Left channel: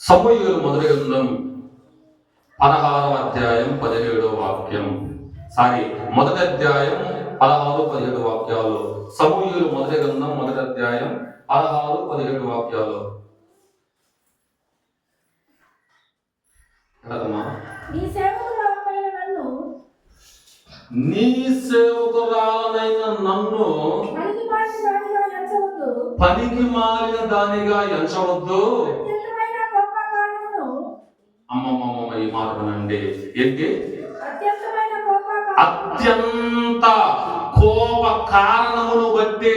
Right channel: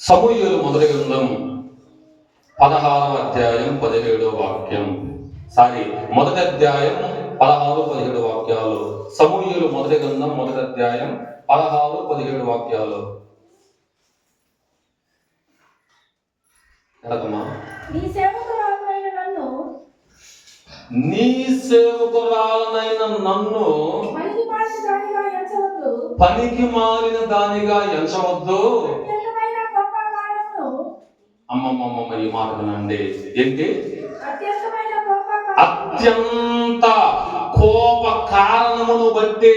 సమూయేలు మొదటి గ్రంథం 16వ అధ్యాయం 17వ వాక్యం. మొదటి అధ్యాయం 16, 17 వాక్యాలు. సమూయేలు మొదటి గ్రంథం మొదటి అధ్యాయం 16, 17 వాక్యాలు. నీ సేవకురాలనైన నన్ను పనికి మాలిన దానిగా ఎంచవద్దు. అమ్మమ్మమ్మ, ఈ మాట వినండి. ఏంటి? అత్యంత కోప కారణమును బట్టి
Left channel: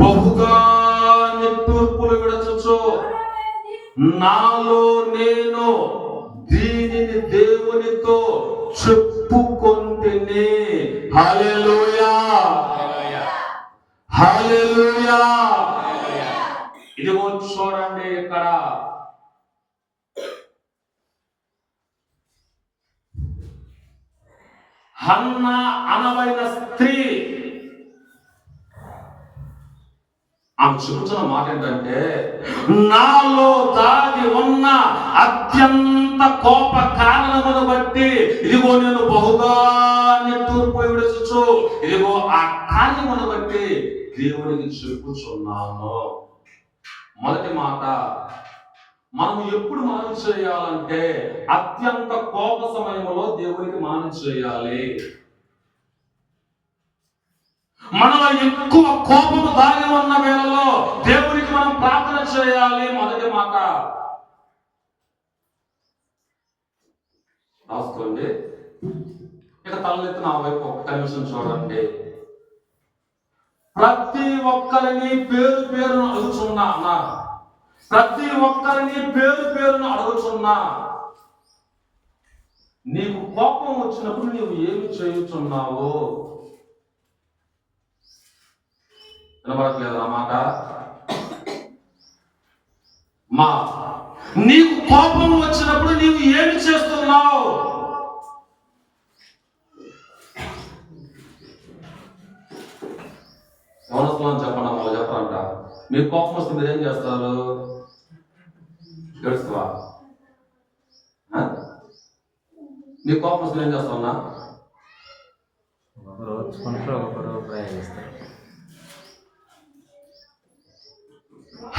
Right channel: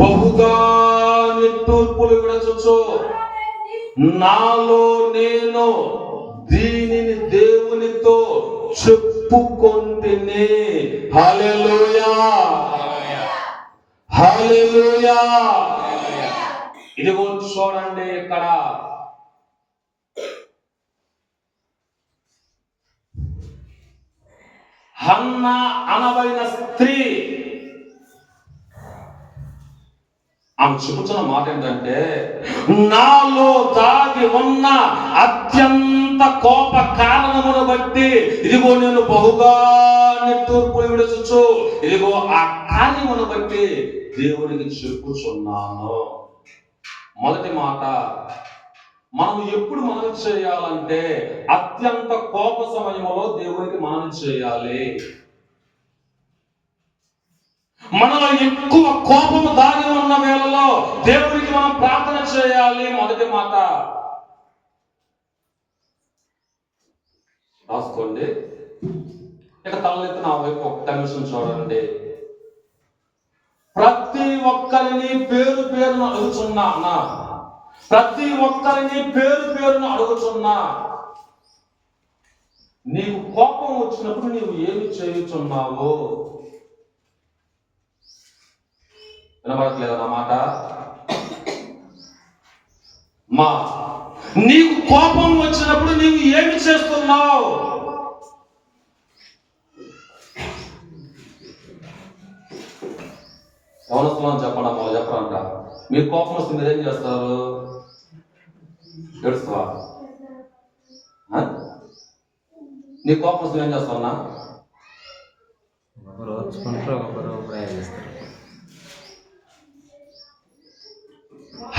బహుగా నిట్టూర్పులు విడచుచు నాలో నేను దీనిని దేవునితో చెప్పుకొంటిని. హల్లెలూయా, హల్లెలూయా. ఇదిగో చూడండి, ఇక్కడ హన్నా అనబడిన స్త్రీ ఆమె చెబుతున్న మాట ఏంటంటే, నాలో దాగి ఉన్న అత్యంత కోప కారణమును బట్టి ఇదిగో నేను బహుగా నిట్టూర్పులు విడుచుచు ఇదిగో ఆ కార్యమును బట్టి దేవునికి చెప్పుచున్నాను. మొదటి మాట, మనం ఎప్పుడు మానం చేయాలంటే అత్యంత కోప సమయంలో దేవునికి మానం చేయాలి. మనలో ఎక్కువ కోపము దాగి ఉన్న వేళలో దేవునికి మనం ప్రార్థన చేయాలి. మొదటి మాట రాసుకోండి. ఇక తలెత్తి నా వైపు ఒక్క నిమిషం చూడండి. ప్రతి ఒక్కరిని పేరు పేరును అడుగుతున్నా అన్నా, ప్రతి ఒక్కరిని పేరు పేరును అడుగుతున్నా, నీకు కోపం వచ్చినప్పుడు నీవు ఏమి చేయుచున్నావు? వినబడట్లేదు అన్నమాట. నీకు కోపం వచ్చినప్పుడు నీవు ఏమి చేస్తున్నావు? ఎవరొస్తున్నాను చెప్పండి, వాళ్ళు చెప్పంట. మీకు కోపం వస్తుంది, మీరు ఏం చేస్తారు? ఏడుస్తావా? నీకు కోపం వస్తుంది ఏం చేస్తావన్నా? ఒకరు వచ్చుకుంటారు, ఒకరు ప్రయాణిస్తారు.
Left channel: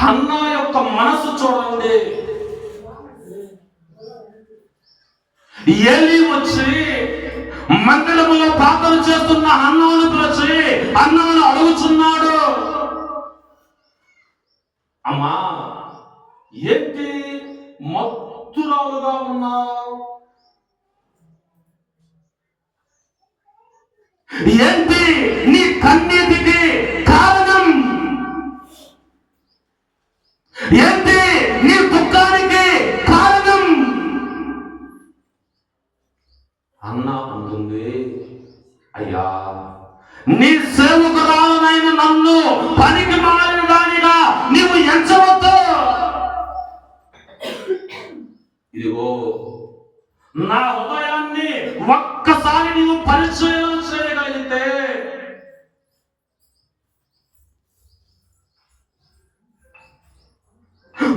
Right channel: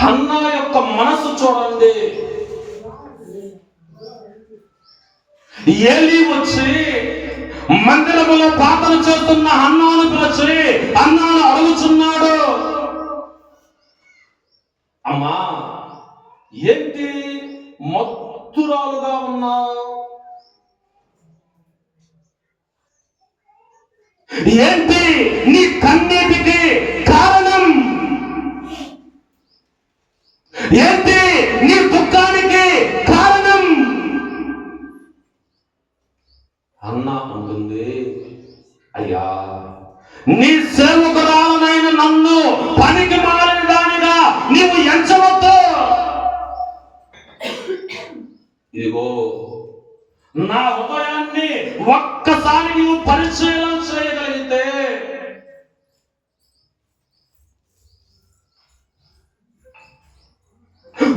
హన్నా యొక్క మనసు చూడండి. ఏలీ వచ్చి మందిరములో ప్రార్థన చేస్తున్న హన్నాను పిలిచి హన్నాను అడుగుచున్నాడు, అమ్మా ఏంటి మత్తురాలుగా ఉన్నావు? ఏంటి నీ కన్నీటికి కారణం? ఏంటి నీ దుఃఖానికి కారణం? అన్నా అంటుంది, అయ్యా నీ సేవకురాలనైన నన్ను పనికి మాలిన దానిగా నీవు ఎంచవద్దు. ఇదిగో నా హృదయాన్ని ఒక్కసారి నీవు పరిచయం చేయగలిగితే,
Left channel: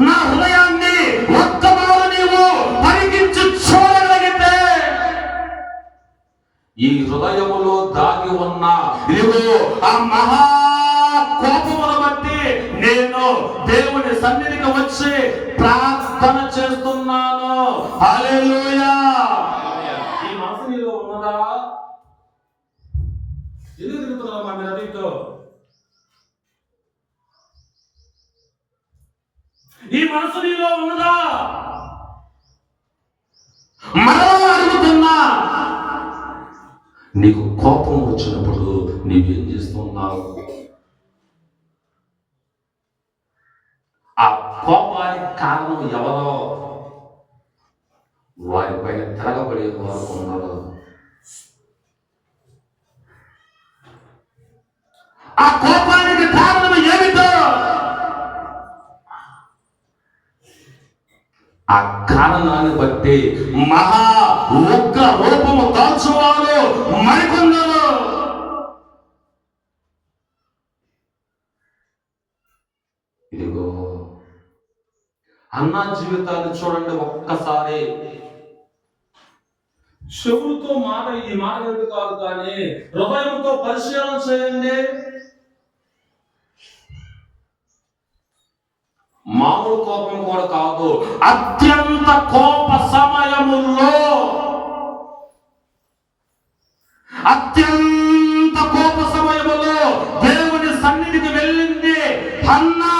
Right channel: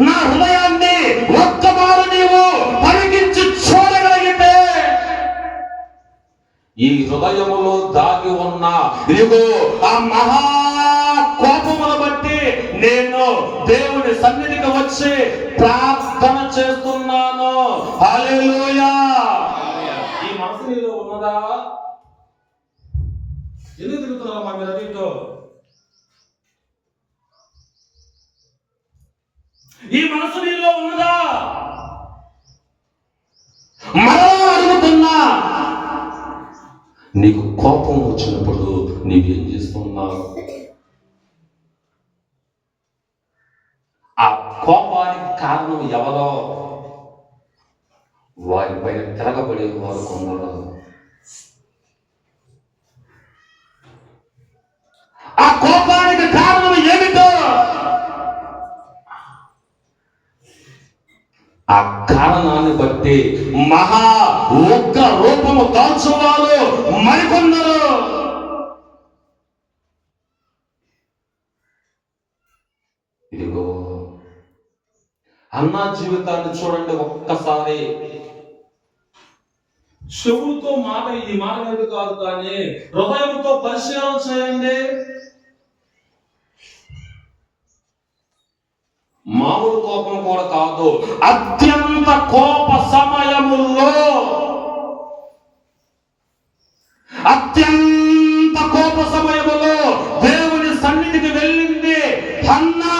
నా హృదయాన్ని ఒక్కమారు నీవు పలికించి చూడగలిగితే, ఈ హృదయములో దాగి ఉన్న ఇదిగో ఆ మహా కోపమును బట్టి నేను దేవుని సన్నిధికి వచ్చి ప్రార్థన చేస్తున్నాను. హల్లెలూయా. ఈ మనసు నీలో ఉన్నదా? ఎందుకు తిరుగుతున్నారమ్మా మీరు అడిగితో? ఈ మనసు నీలో ఉన్నదా? మరలా అడుగుతున్నా, నీకు కోపం వచ్చినప్పుడు నీవేం చేస్తున్నావు? ఆ కోపానికి కారణం ఎవరో వారిపైన తిరగబడే వారు కొందరు. ఆ కోపానికి కారణం ఏమిటో ఆ కారణాన్ని బట్టి మహా ఉగ్ర రూపము దాల్చువారు మరికొందరు. ఇదిగో అన్న జీవితాన్ని చూడండి ఒక్కసారి. చెవులతో మాట ఈ మాట మీద కాదు, కానీ హృదయంతో పరిశీలన చేయండి. మామూలు కోపం కూడా కాదు, అత్యంత కోప సమయముల్లో, అత్యంత కోప సమయములో దేవుని సన్నిధికి వెళ్ళింది హన్నా.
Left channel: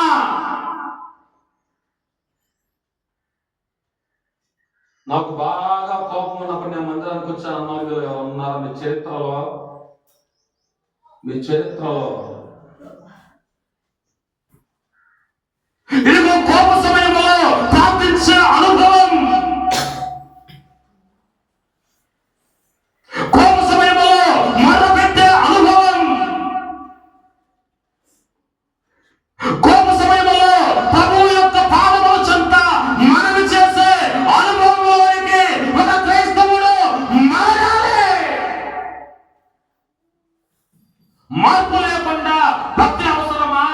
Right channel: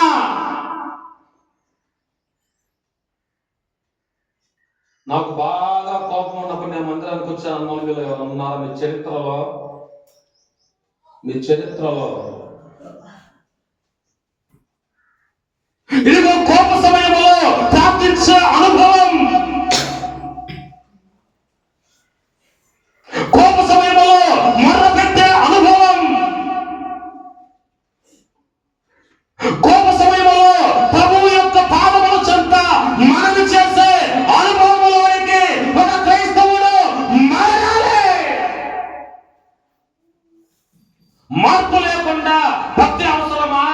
నాకు బాగా కోపం ఉన్నప్పుడు నేను మందిరానికి వచ్చాను అన్న వాళ్ళు ఎవరు ఉన్నారా మీ చరిత్రలో? ఇదిగో కోప సమయంలో ప్రార్థించే అనుభవం, కోప సమయంలో మొరపెట్టే అనుభవం, కోప సమయంలో ప్రభువు యొక్క పాదముల చెంత మనవి చేసే అనుభవంలోనికి ఒక క్రైస్తవుడు మారాలి. మార్పు లేకుండా భక్తి అవసరమా?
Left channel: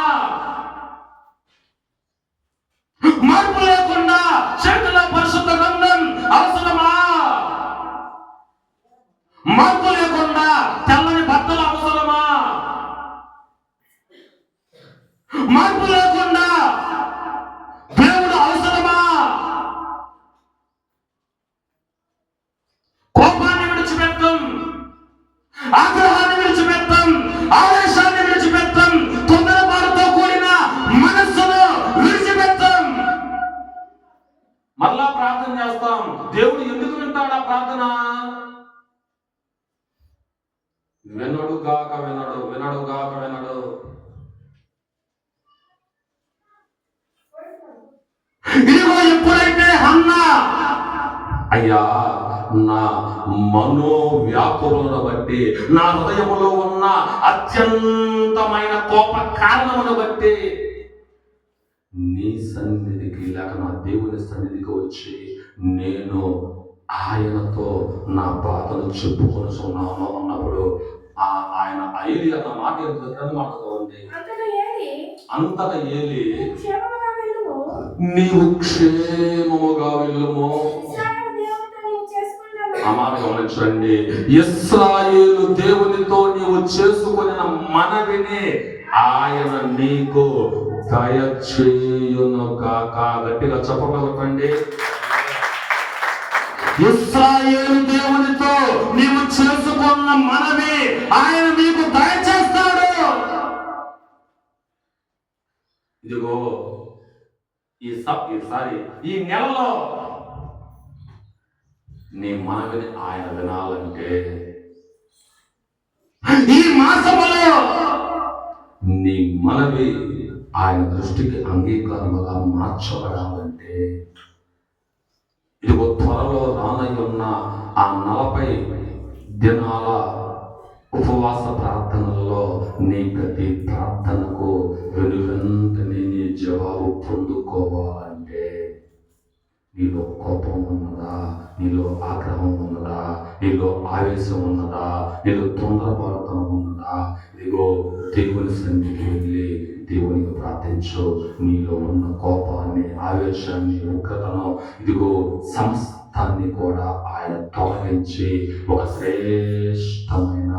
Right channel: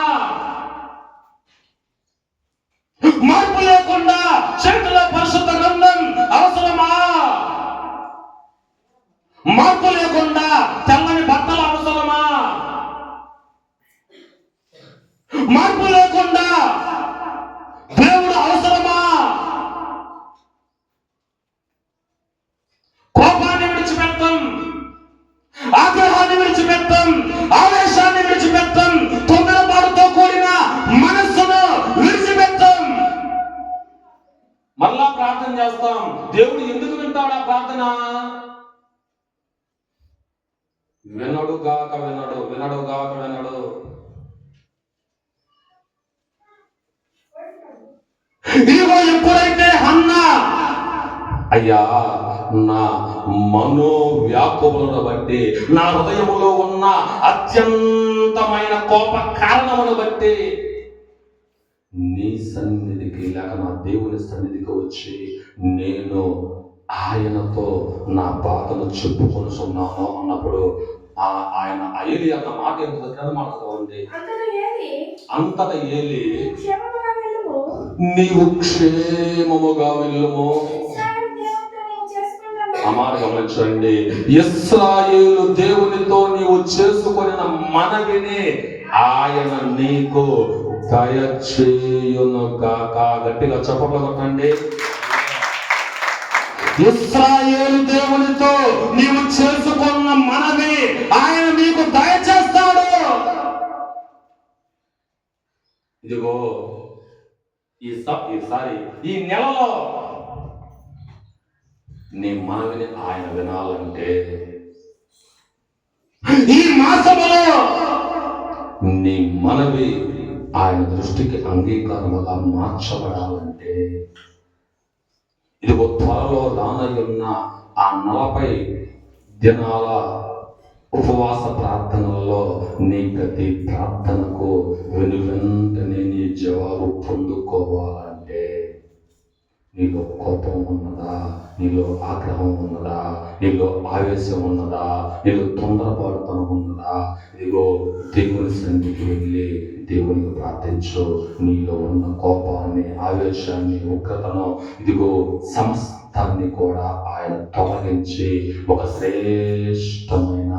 మార్పు లేకుండా చేతిలో పరిశుద్ధ గ్రంథం అవసరమా? మార్పు లేకుండా తెల్లని బట్టలు అవసరమా? మార్పు లేకుండా దేవుడు అవసరమా? కోపాన్ని విడిచిపెట్టం, ఆగ్రహాన్ని విడిచిపెట్టం, ఆవేశాన్ని విడిచిపెట్టం, తొందరపాటుతో కూడిన మనస్సును విడిచిపెట్టం. మరలా ప్రార్థన చేస్తాం. దేవుడు ఎందుకు వింటాడు ఆ ప్రార్థన? వినడుగాక వినడు. ఇదిగో ఎప్పుడైతే హన్నా, అయ్యా నా మనోవ్యాకులను బట్టి, నా హృదయములో ఉన్న అత్యంతమైన కోప కారణమును బట్టి నీ సన్నిధికి లేక నా దేవుని సన్నిధికి వచ్చి నేను ఆయనతో నా బాధను చెప్పుకొని ఉన్నాను అన్నప్పుడు ఆయన అయ్యి అన్న మాట ఎంత మాట్లాడుకోండి. అంతట ఏలి నీవు క్షేమముగా వెళ్ళుము. అమాట గమనించండి, ఇశ్రాయేలు దేవునితో నీవు చేసుకున్న మనవిని ఆయన నీకు దయచేయును గాక. గట్టిగా చెప్పగలగండి. ఇశ్రాయేలు దేవునితో నీవు చేసుకున్న మనవి ఆయన నీకు దయచేస్తాడు. ఇదిగో ఈసారి ఈ నెలలో నీ మనవిని ఆయన వినాలంటే, ఈ మాసములో నీ మనవి ఆయన దృష్టికి అంగీకారముగా మార్చబడాలంటే, ఇదిగో త్వరలో రానయ్యున్న ఆ 40 దినాల ఉపవాస ప్రార్థనల్లో నీ ప్రతి ప్రార్థనకు వెనువెంటనే నీ జవాబు పొందుకోవాలంటే, నీలో కోపం ఉన్నదా, నీలో ఆగ్రహం ఉన్నదా, నీలో ఆవేశం ఉన్నదా, నీలో తొందరపడతాం ఉన్నదా? ఇదిగో దేవుని సన్నిధికి వెళ్ళి దేవునికి ప్రార్థించు. నీలో ఉన్న కోపాన్ని, ఆవేశాన్ని, ఉగ్రతను, ఇదిగో సమస్తాన్ని కూడా ఆయన తొలగించి ఒక శ్రేష్టమైన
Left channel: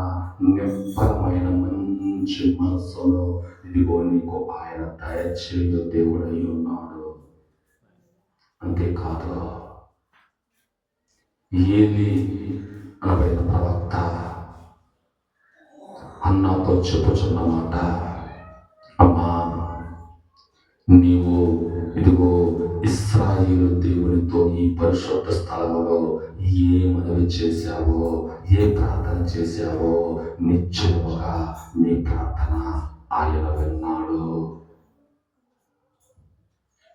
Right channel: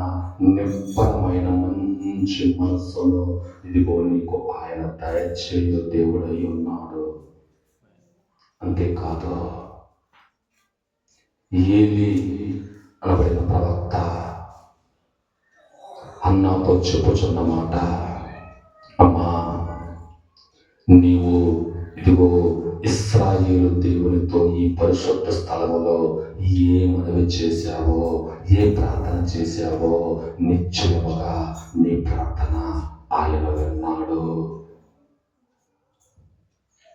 నిబ్బరమైన మంచి మనస్సును ఇదిగో నీకు ఆయన దయచేయు దేవుడై ఉన్నాడు. అంతేకాదు, ఏలి అనబడిన ప్రవక్త అన్నాతో చెప్పుచున్నమాట, అమ్మా నీవు ఇదిగో ఇశ్రాయేలు దేవునితో ఈ పరిశుద్ధ స్థలములో ఏ మనవి చేశావో, ఏ ప్రార్థన చేశావో నిశ్చయముగా నీ ప్రార్థన ఆయన విన్నాడు.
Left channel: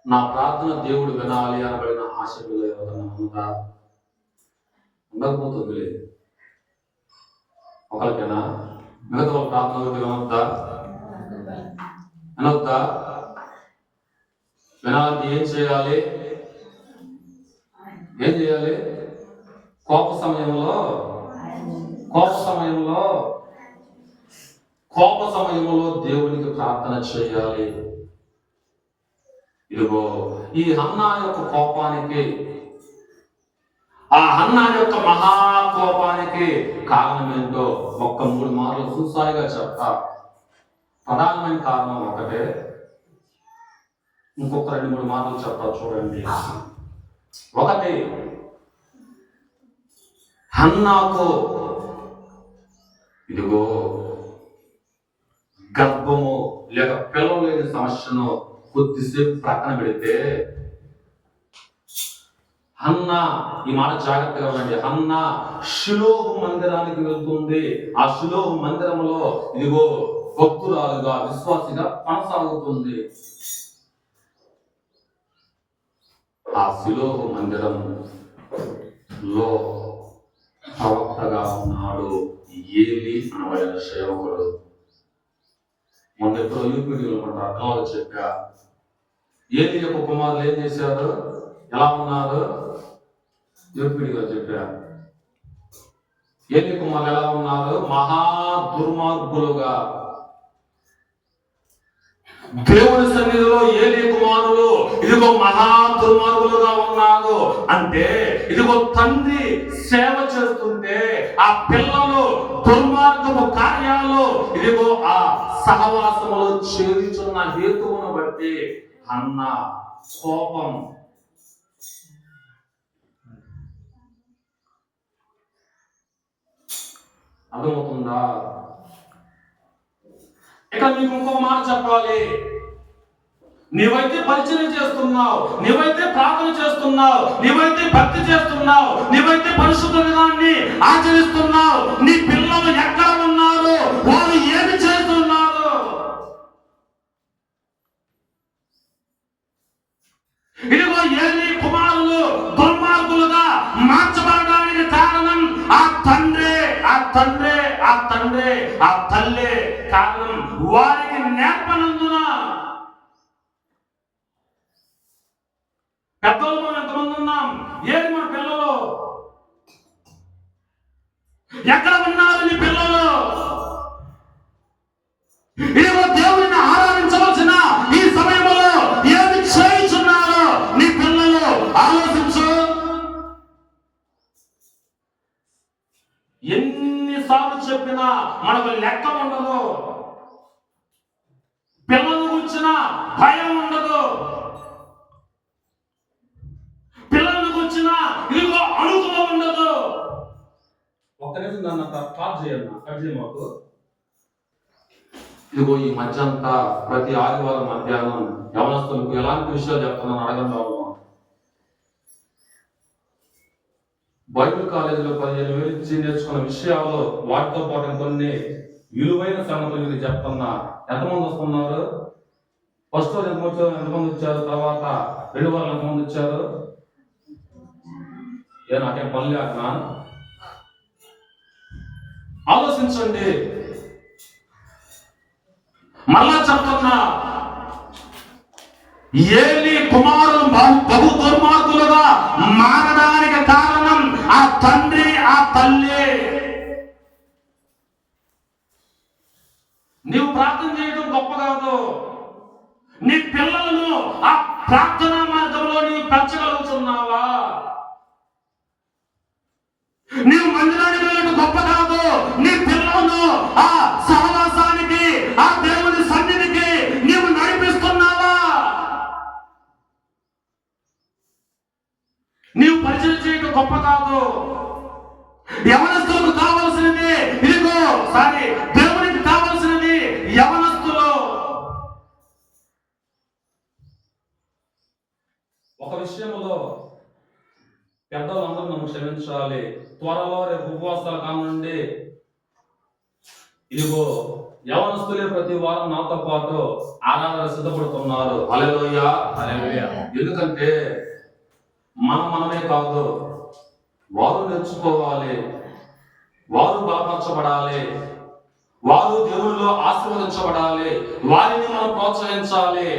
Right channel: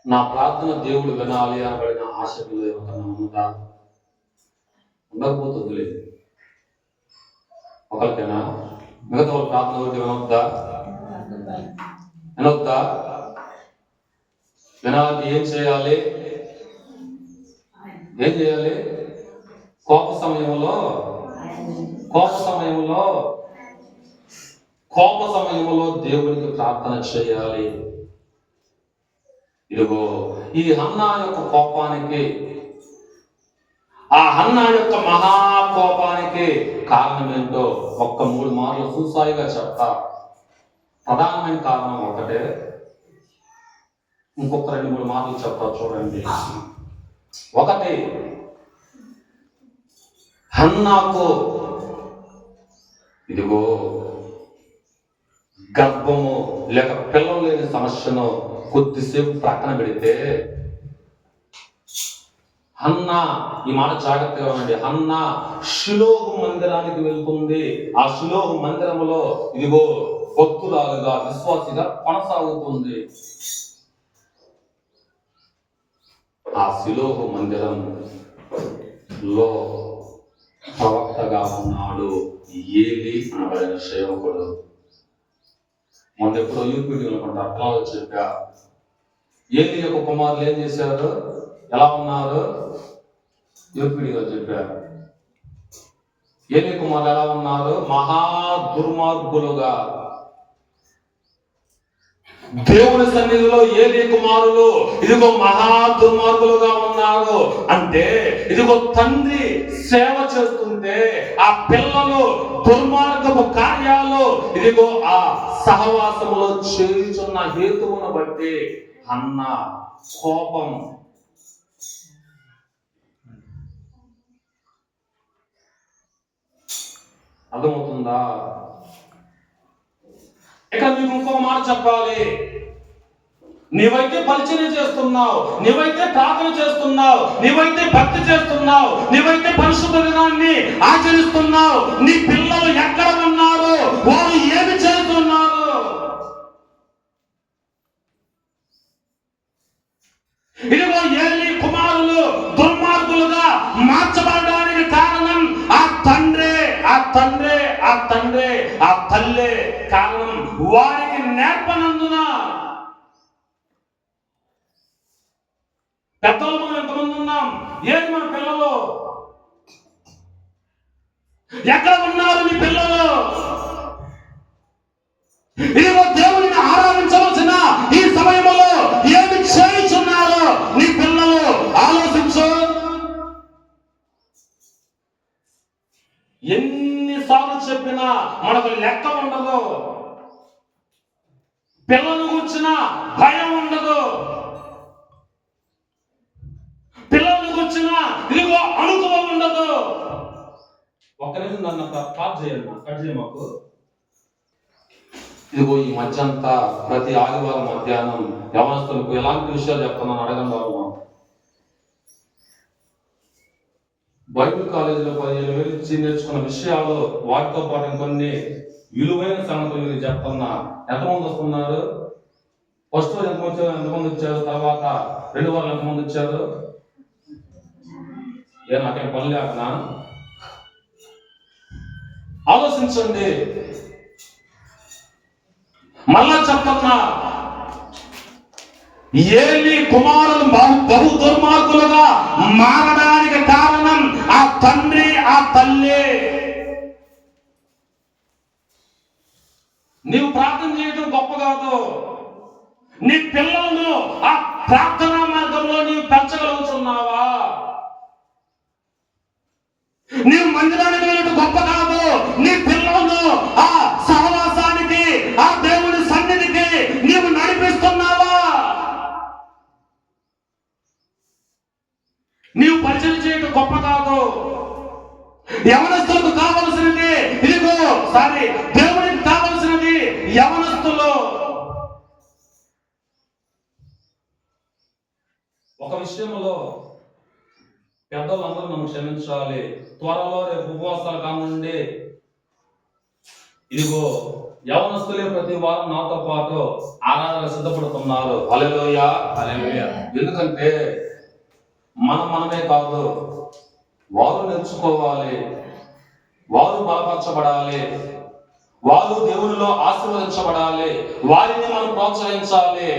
నా ప్రార్థన దేవుడు వినాలి అనబడిన ఆశ ఏమన్నా ఉందా? ఉండకపోతుంది. ఒకరికైనా మిగతా వాళ్ళ ప్రార్థన వినొద్దా? వినాలంటే ఏం చేయాలి? కోప సమయంలో దేవునికి ప్రార్థన చేయాలి. ఇదిగో ఈ హన్నా యొక్క కోపానికి, ఆ హన్నా యొక్క మహాకోపానికి కారణం ఏంటో ఒక్క 3 మార్లు సూసాయిగా చెప్తా. ప్రధానమైన కారణం ఒకటే, ఇంకొక 2-3 మార్లు చెప్తా చూడండి. ఒకటి, హన్నాకు ఇదిగో గర్భము లేక పిల్లలు లేని సమస్యను కొద్దిసేపు ప్రక్కన పెడితే, హన్నా, ఈ మాట జాగ్రత్తగా ఉండండి, హన్నా షిలోహు మందిరానికి వెళ్తుంది. ఆ షిలోహు మందిరంలో ఇదిగో భక్తురాలుగా, విశ్వాసిగా కొనసాగుతుంది. ఆ షిలోహు మందిరంలో ప్రవక్తగా ఉన్నాడు ఏలీ అనబడిన సేవకుడు. మొన్న ఎప్పుడో యూపీడీలో అట్లా చెప్పా, ఏలీ యొక్క కుమారులు ఏం చేశారు, ఎలా ఉన్నారు, యూపీడీలో చెప్పా. ఏలీ కుమారులు ఎలా ఉన్నారు, మహా దుర్మార్గులుగా. దేవుని సన్నిధిలో ఏలీ కుమారులు ఇదిగో మహా దుర్మార్గులుగా ఉన్నారు. అంటే ఇదిగో తండ్రి సేవ చేస్తుంటే ఆ పిల్లలు దుర్మార్గపు కార్యాలు ఇదిగో ఆ సహవాసములో చేయుచున్న హేతువును బట్టి అన్న కోపం. అర్థమవుతుందా? ఇక మీకు ఇంకో మాట చెప్పాలి. నీవైతే పరిచయం చేస్తున్నావు, నీవైతే ప్రార్థన చేస్తున్నావు, నీవైతే భక్తి చేస్తున్నావు, నీవైతే పరిశుద్ధ విధానాన్ని ఆచరిస్తున్నావు, నీ పిల్లలు ఎక్కడ ఉన్నారు, వారు ఏమి చేస్తున్నారు? ఇదిగో ఏలీ కుమారులు దుర్మార్గులుగా మార్చబడడానికి కారణం ఆ తండ్రే, ఆ తండ్రే, ఆ తండ్రే, ఆ తల్లే కారణం. వారికి నేర్పనందున పెద్దలు మనం ఎంతమంది ఉన్నాం, ఏది మన పిల్లలు, ఎక్కడ ఉన్నారు నీ పిల్లలు? ఇదిగో దేవుడిని ఆరాధించవలసిన ఈ సమయంలో ఏమి చేయుచున్నారో నీ పిల్లలు ఆలోచించు. ఎన్నిసార్లు చెప్పినా మనకు లెక్క ఉండదు, పిల్లలు కూర్చున్న భయం ఉండదు, పిల్లలు కూర్చున్న ఇదిగో అనుభవం ఉండదు. ఒక్క నిమిషం నన్ను పాస్ చేయండి, కట్ చేయ మాకు. ఇదిగో ఈ మధ్య అంతా ప్రతి ఆదివారం మధ్యాహ్నం యవనస్తులకు ఎలాంటి విషయాలు చెప్తున్నాను అడగండి. బైబిల్ కాలేజీలో 15,000 ఇచ్చి నేర్చుకున్న విషయాలు, వాటితో పాటు కొన్ని విలువైన సంగతులు మీరు చెప్తున్నా. ఎంతమంది వస్తున్నారు? ఫస్ట్ రోజు ఎంతమంది వచ్చారు? తర్వాత 2 వారాలు ఎంతమంది వచ్చారు? నాకేం పని లేకనా? ఆలోచించండి. మళ్ళా చెప్తున్నా, ఏలీ కుమారులు బహు దుర్మార్గులుగా మారడానికి కారణం ఆ తండ్రి, ఆ తల్లి. నీవు ప్రార్థన చేయడం గొప్ప కాదు, నీ పిల్లలను ఆ ప్రార్థనా మార్గంలో నీవు పెంచగలుగుతున్నావా? నీవు మందిరానికి వెళ్ళడం గొప్ప కాదు, నీ పిల్లలను ఆ సహవాసానికి, ఆ దేవుని సన్నిధికి నీవు నడిపిస్తున్నావా? నీవు పరిచయం చేయడం గొప్ప కాదు. యవనస్తులకు కావలసినది ఇదిగో, దేవునికి కావలసినది యవనస్తులు. ఒక విషయంలో పెద్దలందరూ నన్ను క్షమించాలి. త్వరలో రేపు ఉపవాసాల కానుండి ఇదిగో యవనస్తులే ప్రతి వారం నాతో పాటు ఆరాధన సిద్ధపడుతున్నారు. హల్లెలూయా, హల్లెలూయా. ఎందుకంటే మనమే కాదు, వారు నేర్చుకోవాలి, వారు బలపరచబడాలి, వారు దేవునిలో ఆశీర్వదించబడాలి, వారిని మనం ప్రోత్సహించాలి.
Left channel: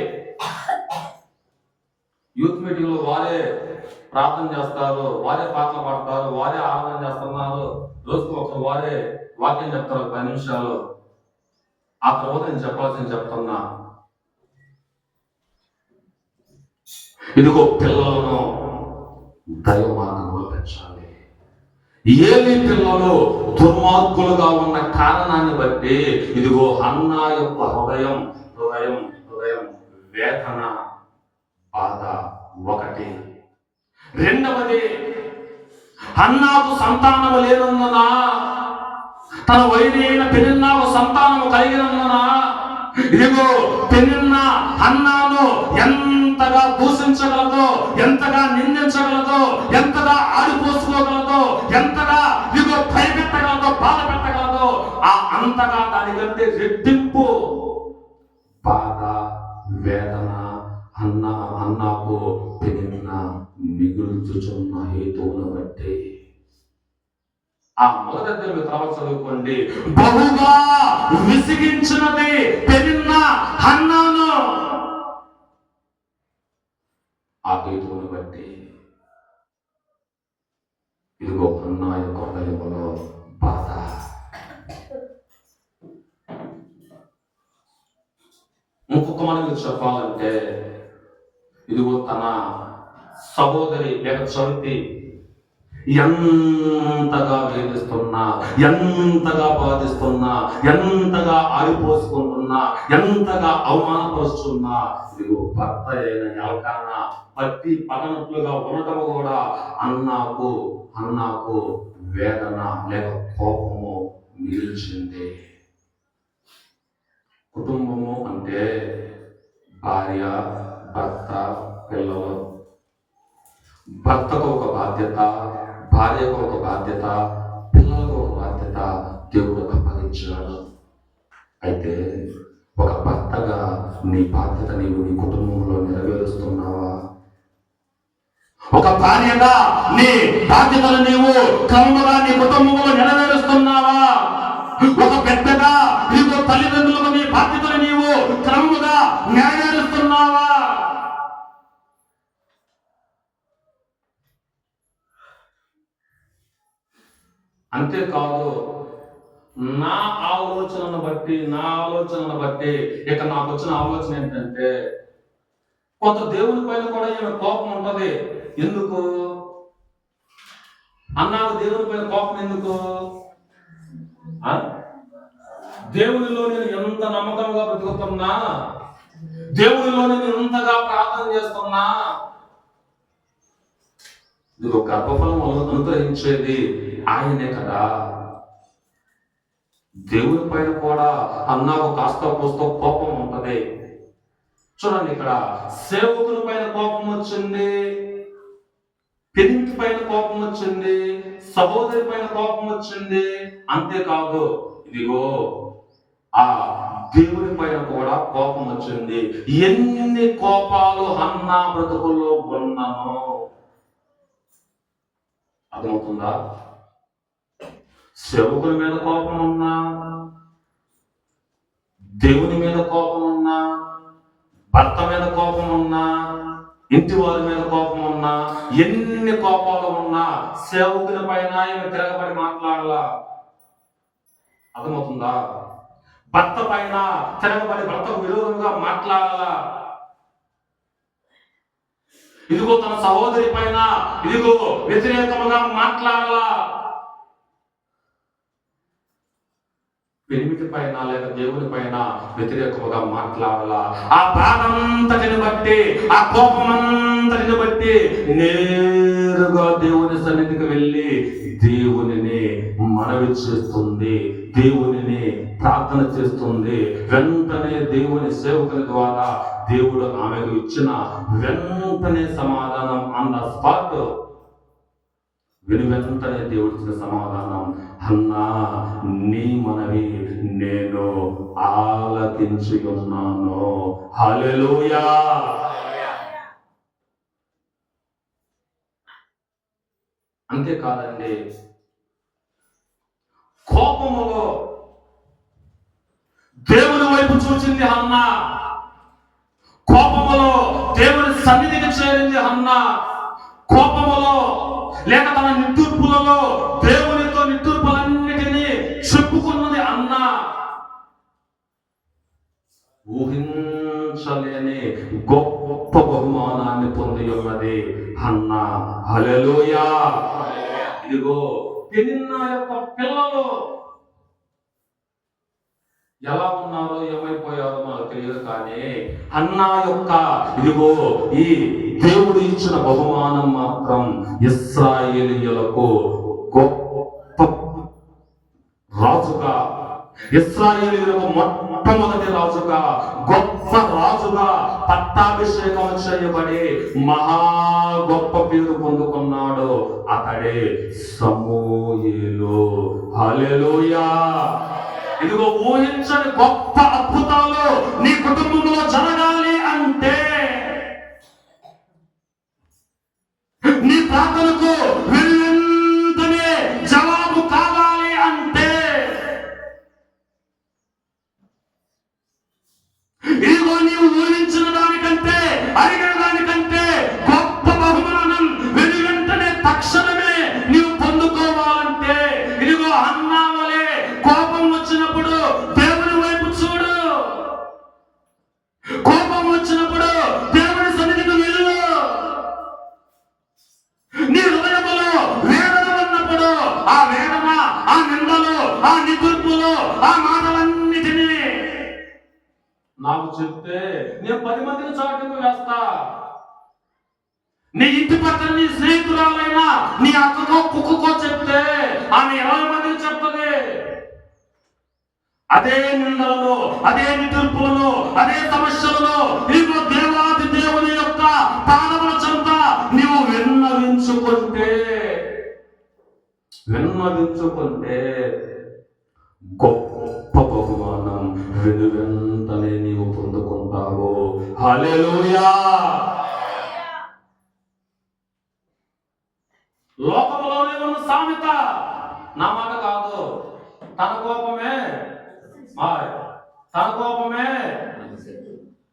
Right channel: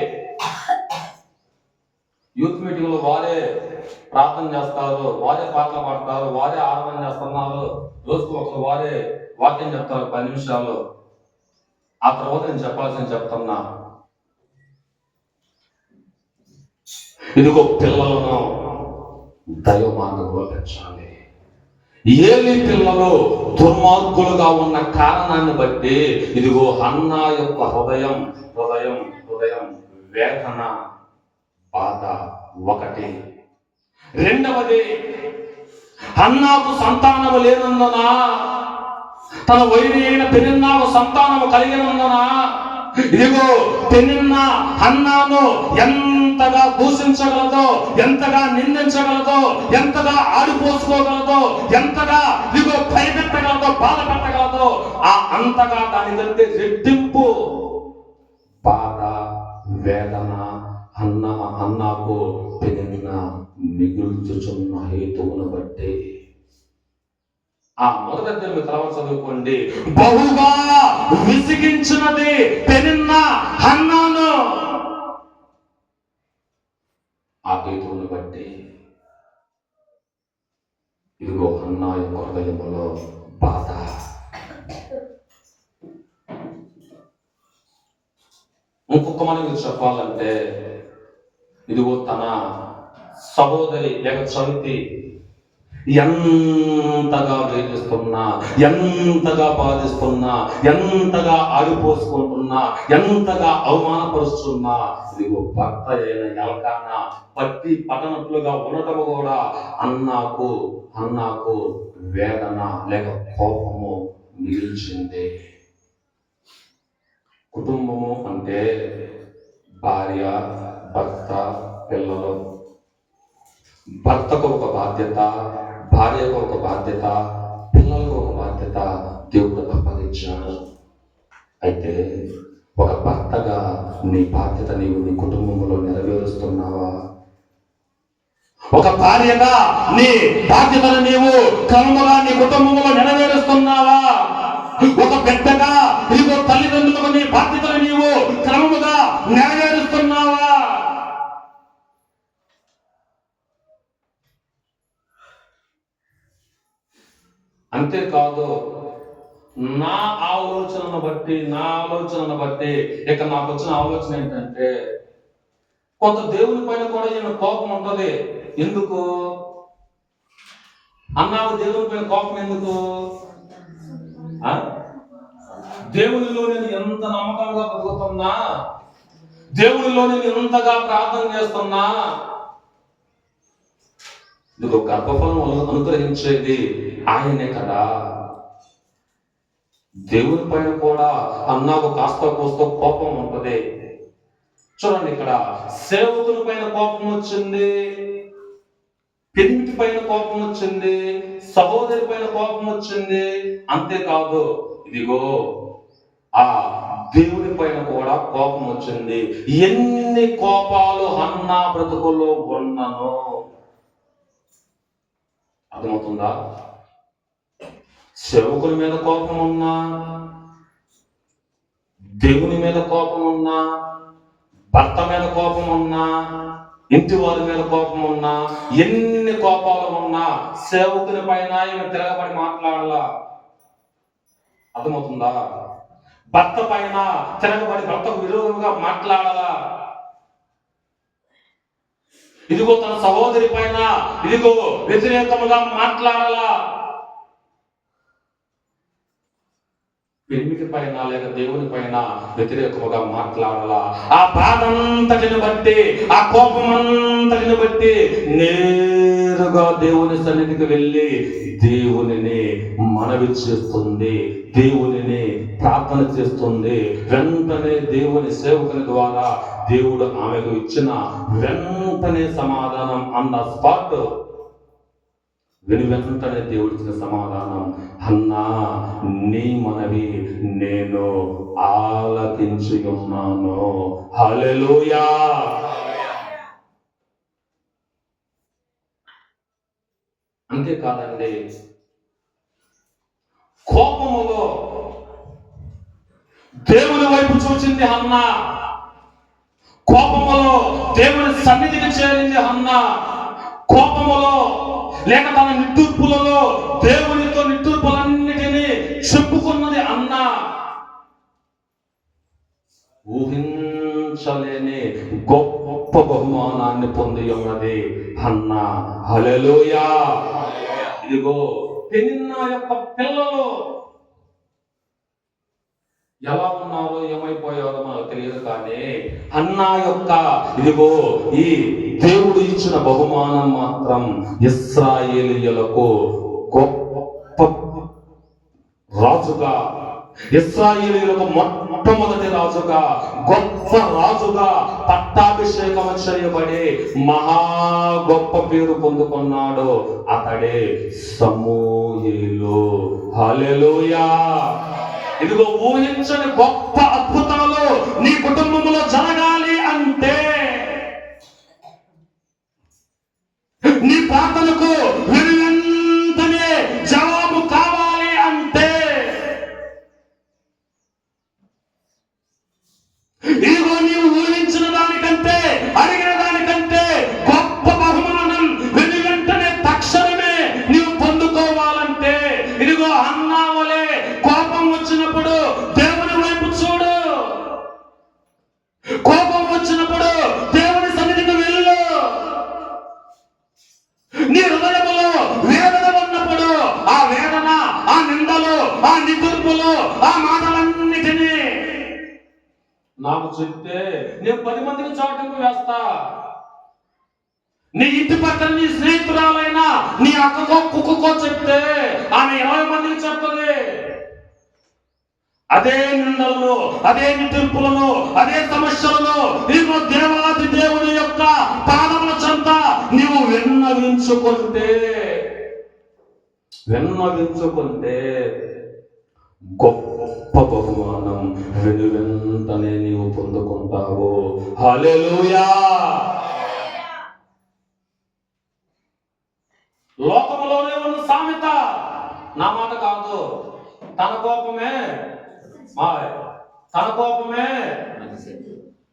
యూత్ మీటింగ్ లో వారే ప్రార్థన చేస్తారు, వారే పాటలు పాడతారు, వారే ఆరాధన చేస్తున్నారు. రోజుకు ఒకరు వారే వాక్యం చెప్తారు 10 నిమిషాలు. ఆ తర్వాత నేను చెప్పాల్సింది చెప్తున్నా. ఇదిగో పిల్లలను దైవ మార్గంలో పెంచాలి. ఏలి పిల్లలు దుర్మార్గులుగా ఉన్న కారణాన్ని బట్టి ఇదిగో హన్నా యొక్క హృదయం వేదన, బాధ ఒకటి. రెండవది, హన్నాకు సంతానము లేనందున, తన వైరి అయిన పెనిన్నాకు సంతానము కలిగినందున ఇదిగో పెనిన్న హన్నాను ఎంతగా దూషించగలదో, ఎంతగా నిందించగలదో, ఎంతగా ఆడిపోసుకోగలదో, ఎంతగా ఇదిగో భయపెట్టగలదో, బాధ పెట్టగలదో, అంతగా దానికంటే రెట్టింపు బాధ, వేదన హన్నాకు పెనిన్న మిగుల్చుచున్న హేతువును బట్టి. ఆ మొదటి మీరు తర్వాత చదువుకోండి. బహుగా విసిగించినది పెనిన్న హన్నాను, ఆ హేతువును బట్టి ఇదిగో హన్నా యొక్క హృదయంలో బాధ. ఇంకొక మనకి చెప్పాలంటే ఇదిగో తన సహోదరి చవితి ఎంతగా వేధిస్తున్నా, ఎంతగా బాధిస్తున్నా, ఎంతగా ఆడిపోసుకుంటున్నా, ఎంతగా అవమానపరుస్తున్నా ఇదిగో భర్త అయిన ఎల్కానా పట్టి పట్టనట్లుగా ఉండటము కూడా అన్నాకు వేదన లేక కోపము మిగిల్చింది. కుటుంబము అంటే భార్య, భర్త, పిల్లలు. భర్తకు ఒక బాధ్యత, భార్యకు ఒక బాధ్యత, పిల్లలకు ఒక బాధ్యత దేవుడు అప్పగించాడు. అయితే ఒక భర్తగా నీ బాధ్యత నీవు నీ కుటుంబంలో నెరవేరుస్తున్నావా? ఒక భార్యగా నీ బాధ్యతను నీవు క్రమంగా నీ కుటుంబంలో నెరవేరుస్తున్నావా? ఒక బిడ్డగా నీవు తల్లిదండ్రులకు నీ బాధ్యతను నీవు క్రమముగా నెరవేరుస్తున్నావా? అంతేకాదు, నా ఆలోచనను బట్టి ఇక నాకు వచ్చిన ఆలోచన ఏంటంటే, కొంత దేవుని పైన కూడా ఈయన కోపం ఉంటది. ఎందుకు అన్నావు? దేవుని పైన కోపం ఎందుకు? దేవునిలో నేను ఎంత నమ్మకంగా బ్రతుకుతున్నా, దేవునిలో నేను ఎంతగా ప్రార్థన చేస్తున్నా, ఇదిగో గర్భఫలం అనుగ్రహించేది ఆయనే కదా. దేవుని పైన కూడా అన్నాకు కాస్త కోస్తో కోపం ఉంటది. చూడండి, ఇక్కడ సేవకుని పైన కోపం వచ్చింది, పెనింటి పైన కోపం వచ్చింది, సహోదరి పైన కోపం వచ్చింది. అంతేకాదు, ఇదిగో ఆ దేవుని పైన కూడా కోపం వచ్చింది. ఎన్ని కోపాలు హన్నా బ్రతుకుల్లో ఉన్నాను అర్థమవుతుందా? సేవకుల మీద కోపం ఉన్నా, దేవుని మీద కోపం ఉన్నా, భర్త మీద కోపం ఉన్నా, ఇంటి వారి మీద కోపం ఉన్నా, ఎన్ని కోపాలు ఉన్నా సేవకుని పైన ఈమె తిరగబడి మాట్లాడాలా. అర్థమవుతుందా? భర్త పైన తిరగబడి భర్తకు విరోధంగా మాట్లాడాలా. ఇదిగో తన సహోదరి పైన ఇదిగో వ్యతిరేకముగా మాట్లాడాలా. పెనిమిటి పైన లేక దేవుని పైన వ్యతిరేకముగా మాట్లాడాలా. ఆ బాధ అంతటిని బట్టి, ఆ కోపం అంతటిని బట్టి నేరుగా దేవుని సన్నిధికి వెళ్ళి దేవునిని మనవి చేస్తుంది, దేవునిని ప్రార్థన చేస్తుంది. వెంటనే దేవుని సేవకుని ద్వారా దేవుడు ఆమెకు ఇచ్చిన వెంటనే సమాధానం, అన్న స్పాట్ వెంటనే దేవుడు ఇచ్చిన సమాధానం, హన్నా నీ మనవి నేను ఆలకించి ఉన్నాను. హల్లెలూయా. అంతేకాదండి, కోపములో దేవుని వైపు చూచింది హన్నా, కోపములో దేవుని సన్నిధికి చేరింది హన్నా, కోపములో లేక తన నిట్టూర్పులలో దేవునితో నిట్టూర్పులన్నిటినీ చెప్పుకున్నది అన్నా. ఊహించలేని గొప్ప బహుమానాన్ని పొంది ఉన్నది హన్నా. హల్లెలూయా. ఇదిగో పెనిన్నా యొక్క పిల్లలు ఎలా ఉన్నారో ఏమైపోయారో మనకు తెలియదు, కానీ హన్నా యొక్క ఇదిగో ఈ దేవుడు ఇచ్చిన బహుమానం మాత్రం ఇశ్రాయేలీయులకు గొప్ప రాజుగా, ఇశ్రాయేలీయులకు మొట్టమొదటి రాజుగా, గొప్ప రాజుగా పట్టాభిషేకం చేయబడి మహా గొప్ప పేరు పొందుకున్నాడు. అతడే సమూయేలు. హల్లెలూయా. ఇదిగో ఊహించని గొప్ప అద్భుతాలు నీ కుటుంబంలో జరగాలి అంటే, నీ ప్రార్థనకు వెంటనే జవాబు కావాలి అంటే, ఇదిగో నీవు ఊహించిన దానికంటే, అడిగిన దానికంటే గొప్ప బహుమానం వెంటనే తక్షణమే నీవు పొందుకోవాలంటే, ఇదిగో హన్నా వలె కోపం వచ్చినప్పుడు దేవుని వైపు చూడు. కోపం వచ్చినప్పుడు దేవుని సన్నిధికి వెళ్ళు. నీ హృదయంలో వేదన ఉన్నప్పుడు ఆ వేదన, ఆ నిందలు, ఆ నిదుర్పులు, ఆ మాటలన్నిటినీ నాకు చెప్తే నేను 10 మందికి చాటింపు వేస్తా. నీ ఇంటి పక్కన నీ స్నేహితురాలైనా నీ అక్కకో కుక్కకో చెప్తే ఆమె 20 మందికి చెప్తుంది. అదే నిందలను, అదే నిదుర్పులను, అదే సమస్యలను నీవు దేవాది దేవుని యొక్క పాదముల చెంత నీవు విన్నవించుకుంటే గొప్ప బహుమానం వెనువెంటనే నీవు పొందుకుంటావు. హల్లెలూయా. లోకంలోనే ఉన్న సామెత, నా మాట కాదు, తన కోపమే తన కోపమే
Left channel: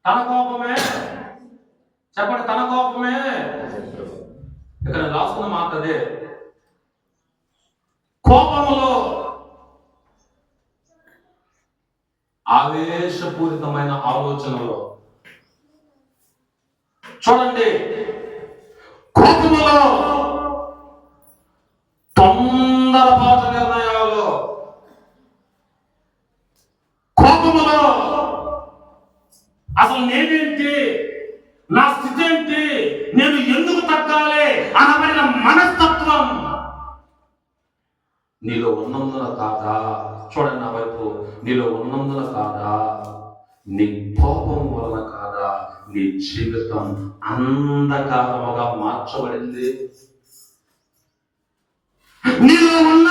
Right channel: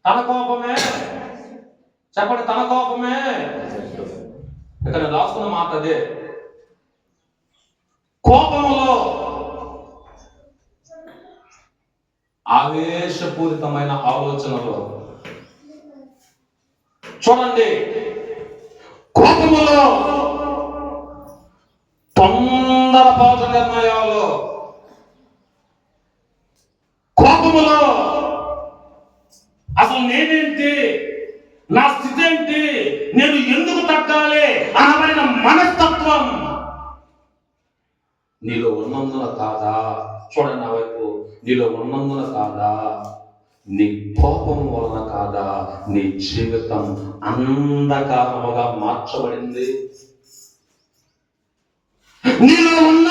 తన కోపమే చెప్పండి, తన కోపమే. ఇక్కడ రాసుకున్న మాట అదే. కోపములో ఆవేశపూరితమైన ఆలోచనలో చూడండి, కోపములో తొందరపాటు నిర్ణయాలు, కోపములో అసలు నేనేంటి, నా స్థితి ఏంటి, నేను ఎందుకు తగ్గాలి అనబడిన మనస్తత్వం నీలో ఉన్నందున కాదా? చూడండి నా వైపు. నీలో ఉన్నందున కాదా? నీ కోపం వలన కాదా నీ జీవితం అంధకారముగా మార్చబడింది? నీలో ఉన్న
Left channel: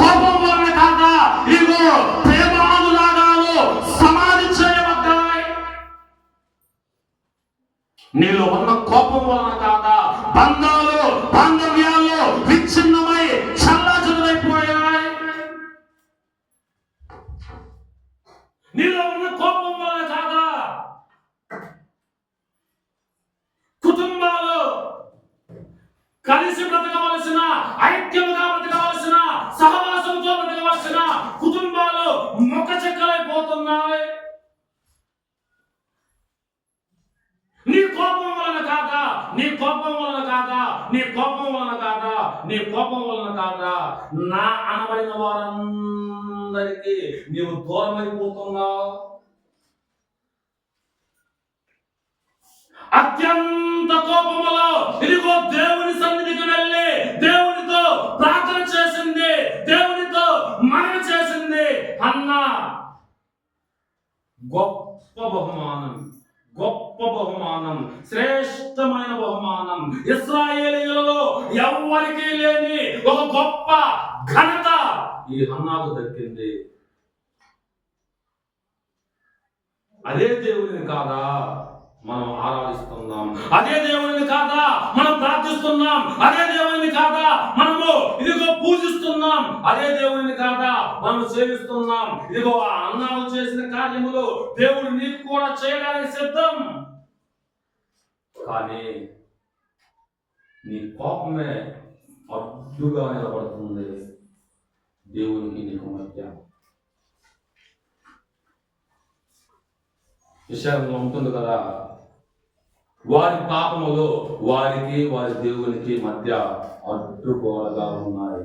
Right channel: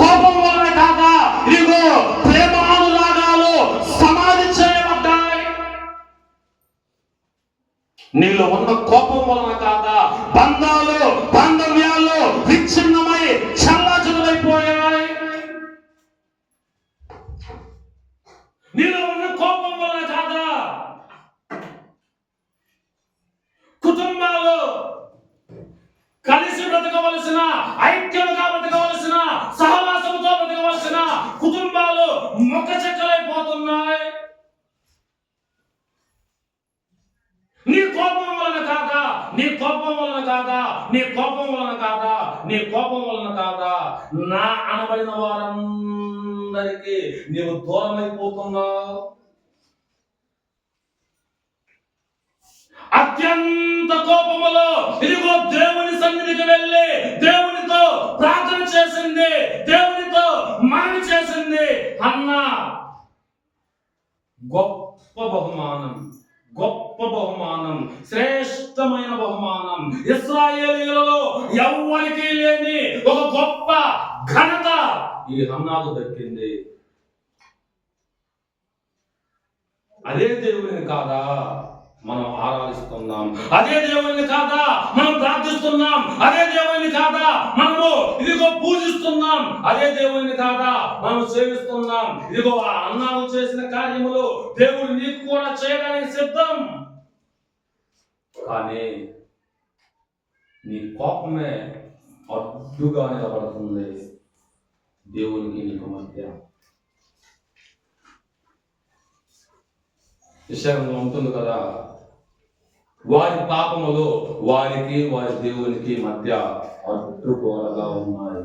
కోపం వలన కాదా ఇదిగో ప్రేమానురాగాలు సమాధి చేయబడ్డాయి? నీలో ఉన్న కోపం వలన కాదా బంధాలు, బాంధవ్యాలు విచ్ఛిన్నమై చల్లాచెదురైపోయాయి? నీలో ఉన్న కోపం వలన కాదా కుటుంబాలు కలిసి బ్రతకవలసిన, ఐక్యంగా బ్రతకవలసిన, సహవాసంతో బ్రతకవలసిన కుటుంబాలు మొక్క చెక్కలైపోతున్నాయి? నీ కోపం వలన కాదా? నీ కోపం వలన కాదా? నీ కోపం వలన కాదా? నీ కోపం వలన కాదా నా అనబడిన వారందరికీ నీవు దూరమైపోతున్నావు? అత్యంత కోపములో ఇదిగో దేవుని సన్నిధికి వెళ్ళి దేవునితో ప్రార్థన చేసింది, దేవునితో మనవి చేసింది హన్నా. గొప్ప బహుమానం, గొప్ప బహుమానం, శ్రేష్టమైన బహుమానం, ఇశ్రాయేలీయులలో ఎవ్వరికీ లేని ఒక గొప్ప ఘనత ఈ హన్నాకు దక్కింది. అదే దేవుని కాదా మనం ఆరాధిస్తున్నాం? అదే దేవుని కాదా మనం ప్రార్థిస్తున్నాం? అదే దేవుని కాదా మనము ఇదిగో పూజిస్తున్నాం? అదే దేవుని కాదా మనం సేవిస్తున్నాం? ఇదిగో ఆ అన్నాలు చేసిన కార్యములు దేవుడు నీకు కూడా చేయడానికి సిద్ధం. కానీ నీ కోపమే అడ్డుగా నిలబడుతుంది దేవునికి నీకు మధ్య. విషయంలో ఉంటుంది కదా, వారి పాపములు వారికి వారి దేవునికి మధ్య అడ్డుగోడగా ఉన్నాయి.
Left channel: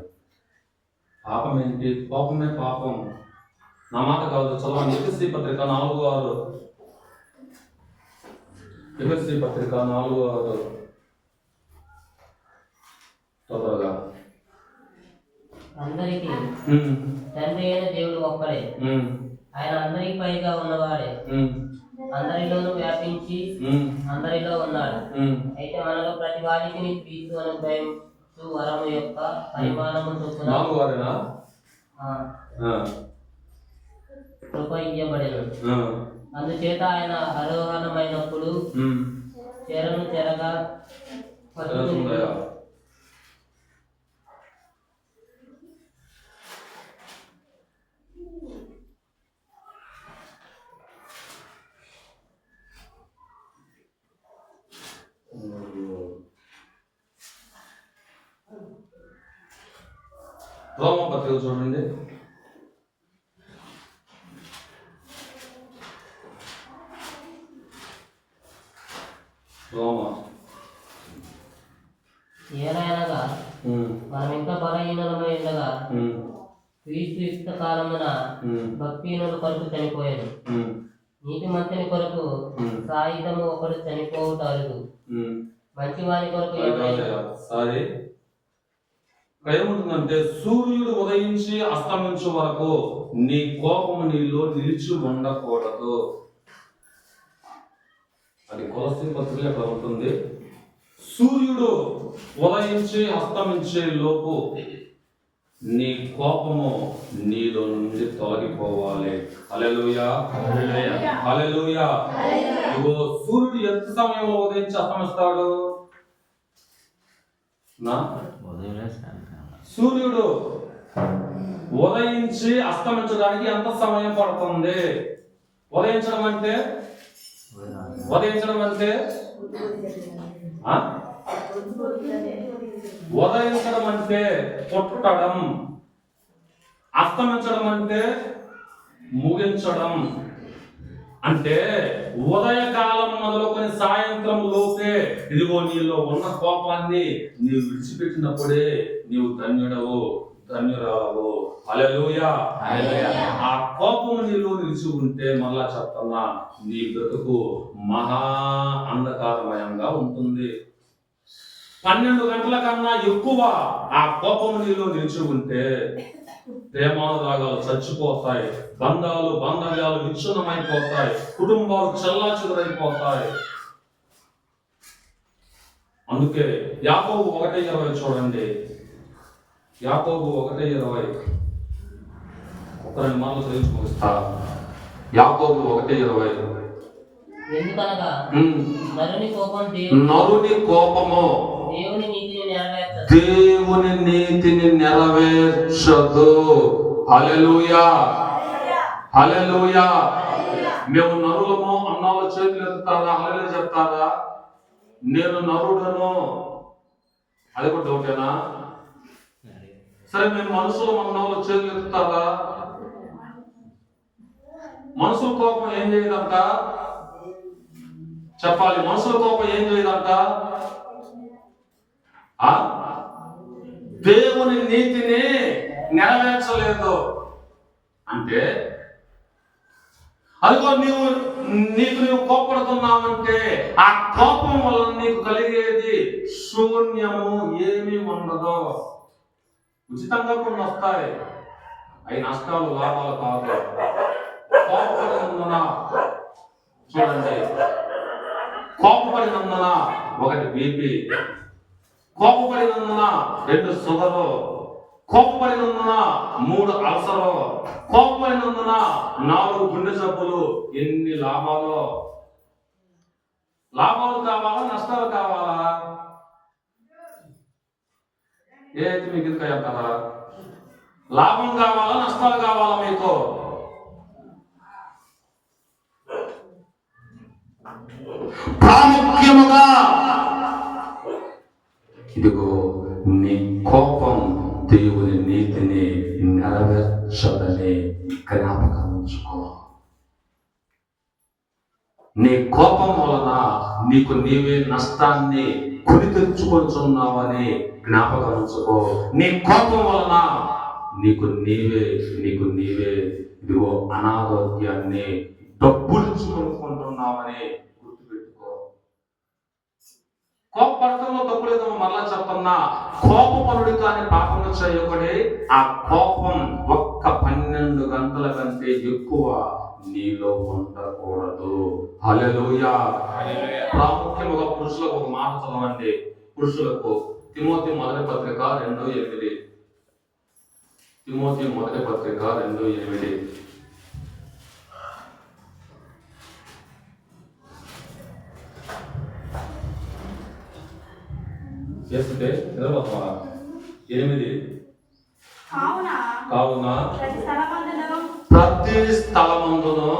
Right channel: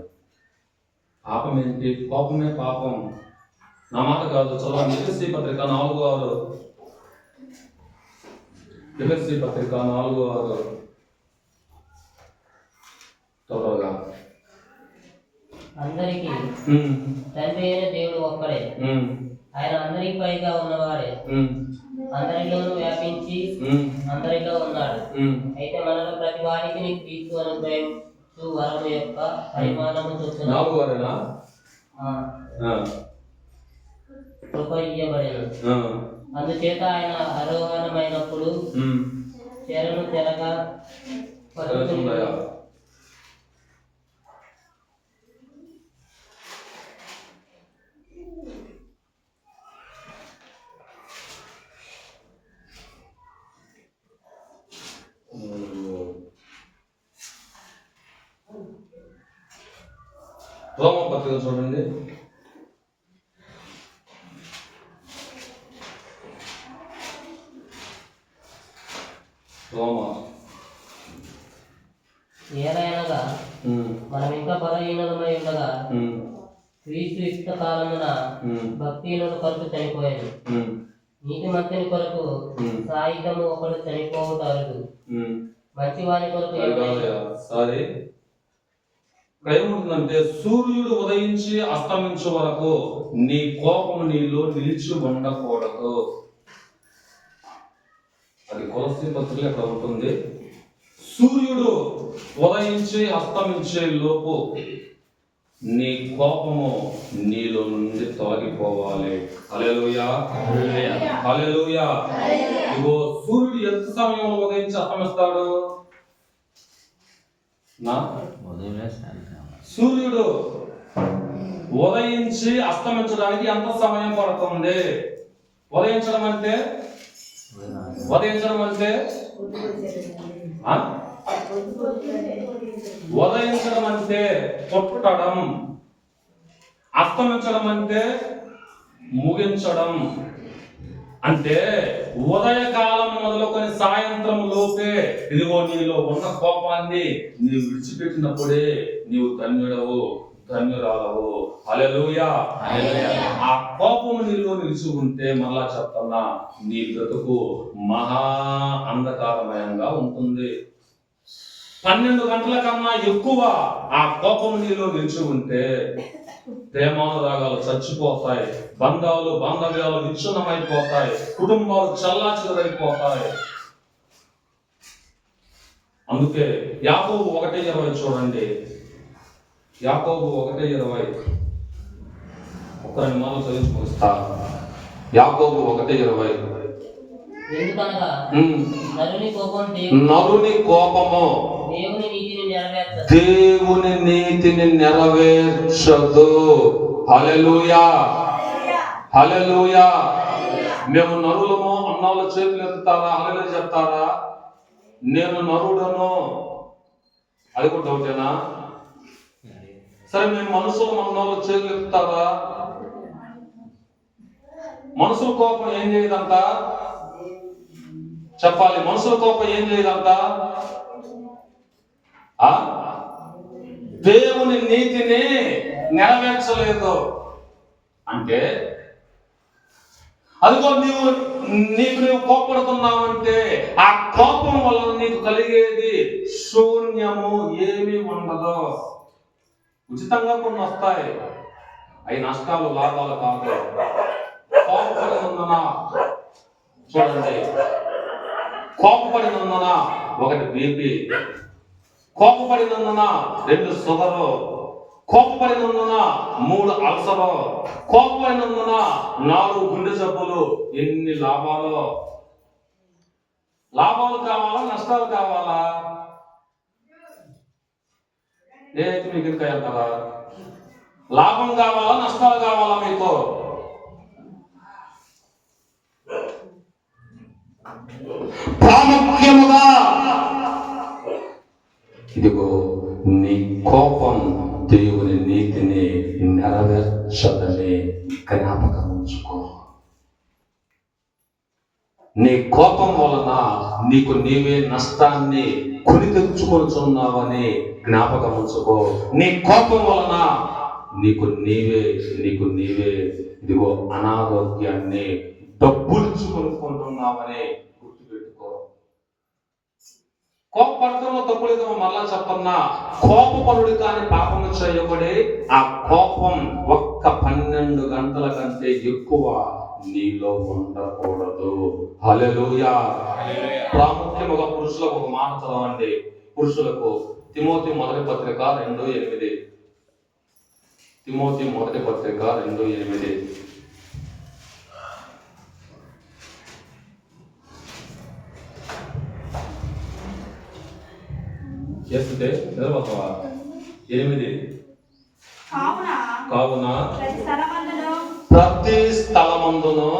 పాపం ఏంటి? కోపమే పాపం. నా మాట కాదు, చదవండి. ఎఫెసీ పత్రిక 4:6. ఎఫెసీ పత్రిక 4:6 తొందరగా. అందరికీ తండ్రి అయిన దేవుడు ఒక్కడే. ఆయన అందరికి పైగా ఉన్నవాడే. అందరిలోనూ వ్యాపించి అందరిలో ఉన్నాడు. అయితే మనలో ప్రతి వారికి క్రీస్తు అనుగ్రహించు వరము యొక్క పరిమాణము చొప్పున కృప ఇయ్యబడెను. అందుచేత ఆయన ఆరోహణమైనప్పుడు చెరను చెరగా పట్టుకుని రోమపత్రిక చూడండి. ఏలైనగా మనం ఇంకా బలహీనులమై ఉండగా క్రీస్తు యుక్త కాలమున భక్తిహీనుల కొరకు చనిపోయాను. నీతిమంతుని కొరకు సాయుధము ఒకడు చనిపోవుట అరుదు. మంచివాని కొరకు ఏముంటుందంటే, సూర్యుడు ఉదయించి అస్తమించే వరకు నీ కోపము నీలో నిలిచి ఉండకూడదు. అది కొలస్సీ పత్రిక ఎక్కడ ఉంటుంది? సూర్యుడు ఉదయించి అస్తమించే లోపు నీ కోపము నీలో నుండి తొలగిపోవాలి. హల్లెలూయా, హల్లెలూయా. ఇగో సూర్యుడు ఎంత సమయంలో ఉదయించి అస్తమిస్తాడు? సూర్యుడు ఉదయించి అస్తమించడానికి ఎంత సమయం పడుతుంది? ఉదయించడం అంటే ఉదయించడం అంటే పుట్టడం, అస్తమించడం అంటే ముగించడం. అంటే ఉదయకాలం మొదలుకొని సాయంత్రం లోపే ఇదిగో నీలో ఉన్న కోపాన్ని నీవు విడిచిపెట్టినప్పుడే నీవు ధన్యుడవు, ధన్యురాలవు. హల్లెలూయా. ఆ కోపం నీలో నిలిచి ఉంటే, మరలా చెప్తున్నా, నీ బ్రతుకు మహా అంధకారమయంగా ఉంటుంది. 12 గంటల కన్నా ఎక్కువ ఆ కోపం నీలో నిలిచి ఉంటే ప్రేమానురాగాలు చచ్చిపోతాయి, బంధాలు బాంధవ్యాలు విచ్ఛిన్నమైపోతాయి, కుటుంబాలు చల్లాచెదరైపోతాయి. అందుకే యాకోబు 1:20 చూడండి. యాకోబు 1:20 ఒక 2 మాటలు చదివి ముగిస్తా. యాకోబు 1:20. ఎందుకనగా నరుని కోపము దేవుని నీతిని నెరవేర్చదు. హల్లెలూయా, హల్లెలూయా. మేము నరులము అన్నవాళ్ళ చేతులు ఎత్తుతారా? హల్లెలూయా చెప్తారా? నేను నరుడను, అది కూడా డౌటేనా? సరే, మేము మనుషులు అన్నవాళ్ళ చేతులు ఎత్తుతారా? మనుషుల కోపం ఏం చేయదంట చెప్పాలి. మనుషుల కోపం ఏం చేయదంట? దేవుని నీతిని నెరవేర్చలేదు. అంటే అదిగో నీకు కోపడుతున్నావంటే ఆ కోపం వల్ల నీకు కలిగేది శూన్యము, ఏమీ ఉండదు. ఉచితంగా కొన్ని వస్తాయి, అవి నష్టాలు లాభాలు కాదు. కోపపడినందున చూడండి, కోపపడినందున 1 బీపీ, కోపపడినందున 2 షుగరు, కోపపడినందున 3 అల్సరు, కోపపడినందున 4 గుండె జబ్బులు. ఎన్ని లాభాలు! లాభాలు కావాలా, నష్టాలు కావాలా? ఏదైతే మీకు ఇంకా వెళ్తారా? లాభం కావాలా, నష్టాలు కావాలా మీకు? ప్రాముఖ్యముగా ఇదిగో నీ కోపం దేవుని నీతిని నెరవేర్చదని జ్ఞాపకం ఉంచుకో. నీ కోపం వలన నీకు నీవే నష్టాన్ని కొని తెచ్చుకొనుచున్నావని జ్ఞాపకం ఉంచుకో. నీ కోపం వలన నీకు నీవే ఇదిగో అనారోగ్యాన్ని డబ్బులిచ్చుకొనుకుంటున్నావని గుర్తుపెట్టుకో. కోపపడటంలో తప్పులేదో మరలా చెప్పన్నా, కోపపరుడు కానీ పాపము చేయబడే ఆ కోపం ఒక్క 12 గంటల కంటే ఎక్కువ నీలో ఉండకూడదు. హల్లెలూయా. ప్రాముఖ్యముగా పురుషులకు ఒక మాట చదవండి. పురుషులకు తిమోతి మొదటి పత్రిక 2:8. తిమోతి మొదటి పత్రిక 2:8. చేస్తుంటే నిలబడతావా? 8. కావున ప్రతి స్థలమందును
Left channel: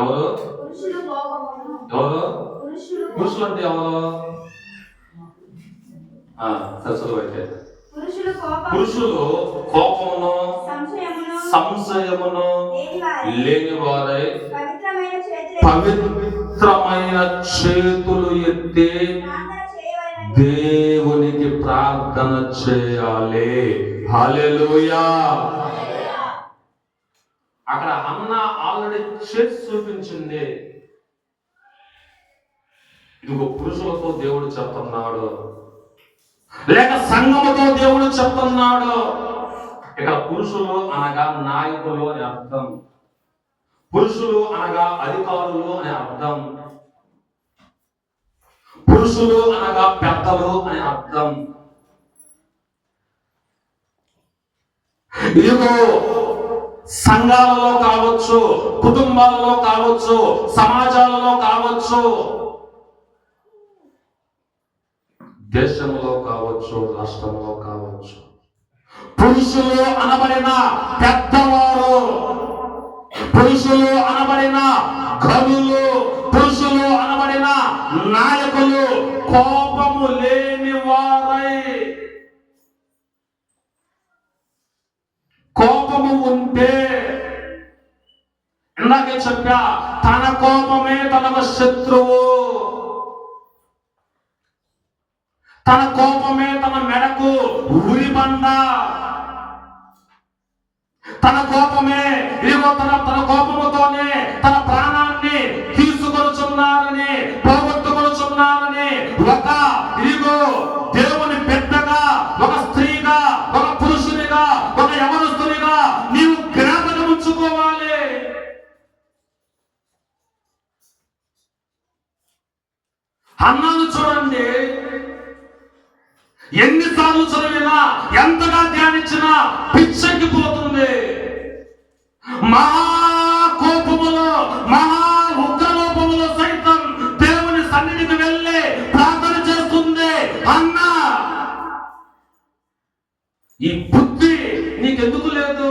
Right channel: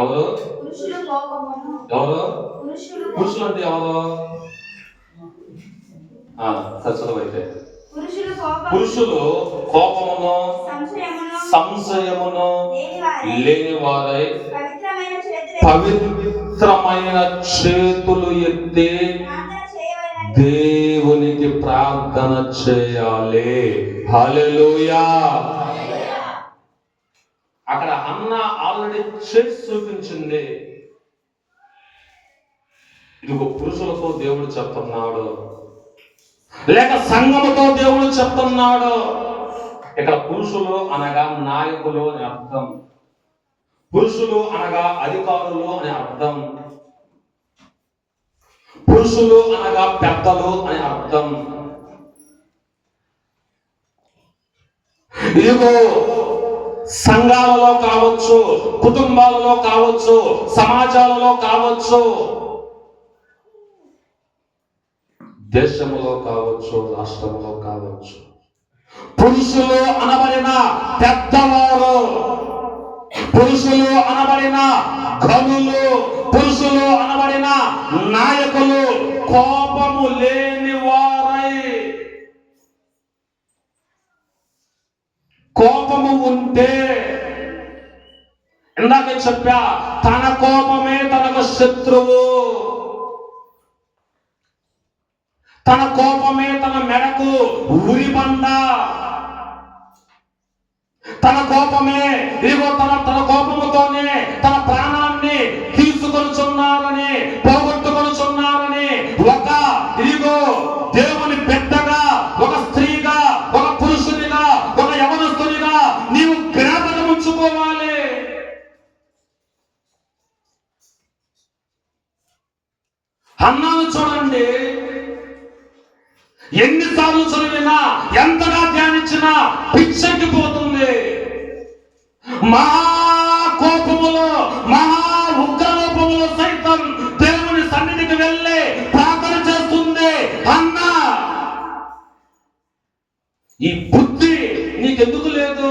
ఎవరు పురుషులు అంటే ఎవరు? సరస్వతి. పురుషులు కోపమును సంశయమును లేని వారై పవిత్రమైన చేతులు ఎత్తి దేవునికి ప్రార్థన చేయాలి. హల్లెలూయా. అక్కడ అన్న ఆల్రెడీ చేసి చూపించింది. ఇదిగో పురుషులతో దేవుడు చెప్తున్నాడు, లేక సంఘముతో దేవుడు చెప్తున్నాడు. ఇక్కడ పురుషులు అనగా నాయకులు అని అర్థం, పురుషులు అనగా అధికారులు అని అర్థం, పురుషులు అనగా పెద్దలు అని అర్థం. ఇదిగో సంఘాలలో కావచ్చు, కుటుంబాలలో కావచ్చు, సమాజాలలో కావచ్చు, దేశంలో కావచ్చు, రాష్ట్రంలో కావచ్చు, పురుషులు అనబడిన పెద్దవారు, పురుషులు అనబడిన ఘనులు, పురుషులు అనబడిన నాయకులు కోపము లేని వారై, కోపము ఉంటే ఇందాకే చెప్పా, తన కోపమే తనకు శత్రువు, తన కోపమే తన మెడకు ఉరిబండ, తన కోపమే ఇదిగో తన కోపముతోనే తన ప్రాణాన్ని తీసుకొనుచున్నారని, పోగొట్టుకొనుచున్నారని ఒక ఇదిగో దేవుని బిడ్డగా, ఒక స్త్రీగా, ఒక పురుషునిగా, ఒక యవనస్తునిగా నీవు జ్ఞాపకం ఉంచుకోవాలి. అన్నాను చూడండి, ఎన్నిసార్లు చదివినా, ఎంతగా ధ్యానించినా పిచ్చెక్కిపోతుంది. మహా కోపములో, మహా ఉగ్రలోపములో సైతం దేవుని సన్నిధికి వెళ్ళి ప్రార్థన చేస్తుంది. అన్నా, ఈ బుద్ధి నీకెందుకు లేదు?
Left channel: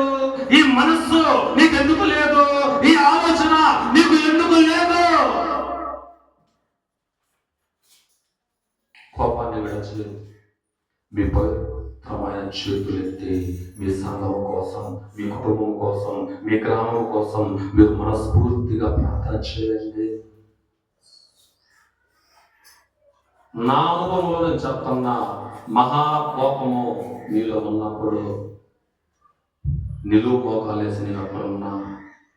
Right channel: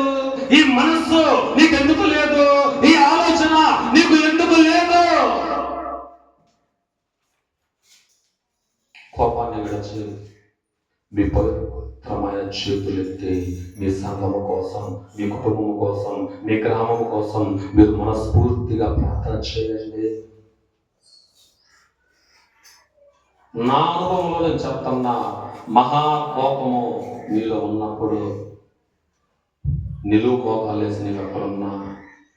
ఈ మనస్సు నీకెందుకు లేదు? ఈ ఆలోచన నీకు ఎందుకు లేదు? కోపాన్ని విడిచి మీ పవిత్రమైన చేతులెత్తి మీ సంఘం కోసం, మీ కుటుంబం కోసం, మీ గ్రామం కోసం మీరు మనస్ఫూర్తిగా ప్రార్థన చేయండి. నా అనుభవంలో నేను చెప్తున్నా, మహా కోపము మీలో ఉన్నప్పుడు నిలువు కోపాలేసి నేను ఎక్కడున్నా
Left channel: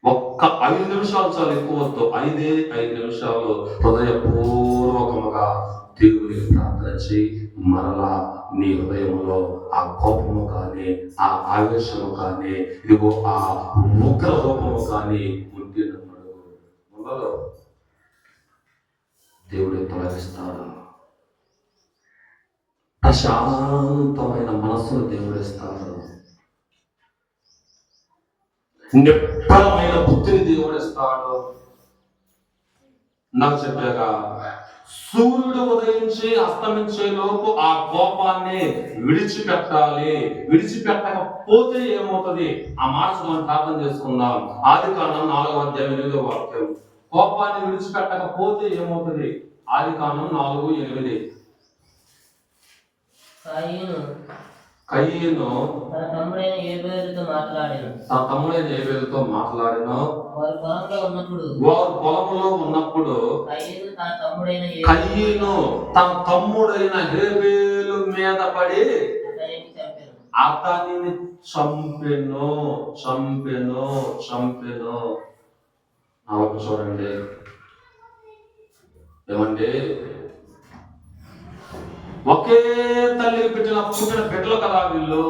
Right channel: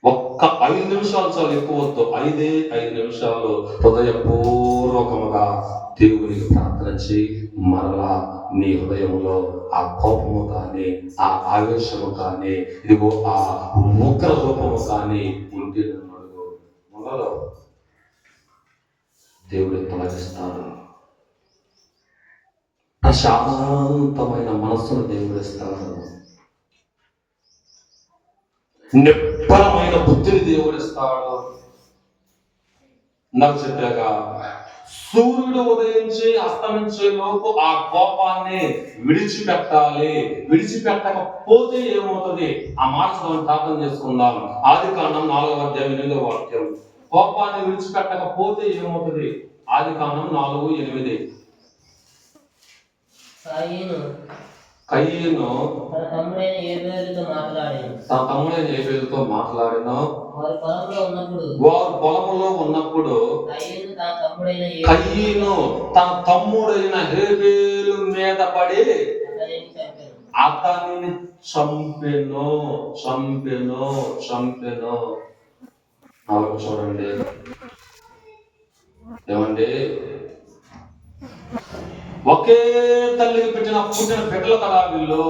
ఒక్క 5 నిమిషాలు చాలు, ఎక్కువ వద్దు, 5 నిమిషాలు హృదయపూర్వకముగా దేవునికి ప్రార్థన చేయి. మరలా నీ హృదయంలో ఆ కోపము కానీ, ఆ ఆవేశము కానీ, ఇదిగో ఆ ఉగ్ర రూపము కానీ ఉంటే మనలో దేవుడు తొలగిస్తాడు. ప్రశాంతమైన మనస్సును దేవుడు ఇస్తాడు. నిబ్బరమైన బుద్ధిని దేవుడు ఇస్తాడు. నాకు చెప్పాక సూర్యుడు ఉదయించి అస్తమించే లోపు ఆ కోపాన్ని విడిచిపెట్టాలి. విడిచిపెట్టకపోతే ఏమవుతుంది? ఆ మాట ప్రార్థన చేసుకుందాం. ఆదికాండం 4:8 వాక్యం. కోపాన్ని విడిచిపెట్టకపోతే ఏమవుతుంది? ఆదికాండం 4:8. కయీను తన తమ్ముడైన ఏబేలుతో మాట్లాడాను. తన తమ్ముడైన ఏబేలుతో మాట్లాడిన వారు పొలంలో ఉన్నప్పుడు వారు పొలంలో ఉన్నప్పుడు కయీను తన తమ్ముడైన కయీను తన తమ్ముడైన హేబేలు మీద పడి అతనిని చంపెను. అతనిని చంపెను చంపెను చంపెను. అలాగే చూడండి ఏమండి, ఒకే తల్లికి పుట్టిన బిడ్డలు కదా వీళ్ళు.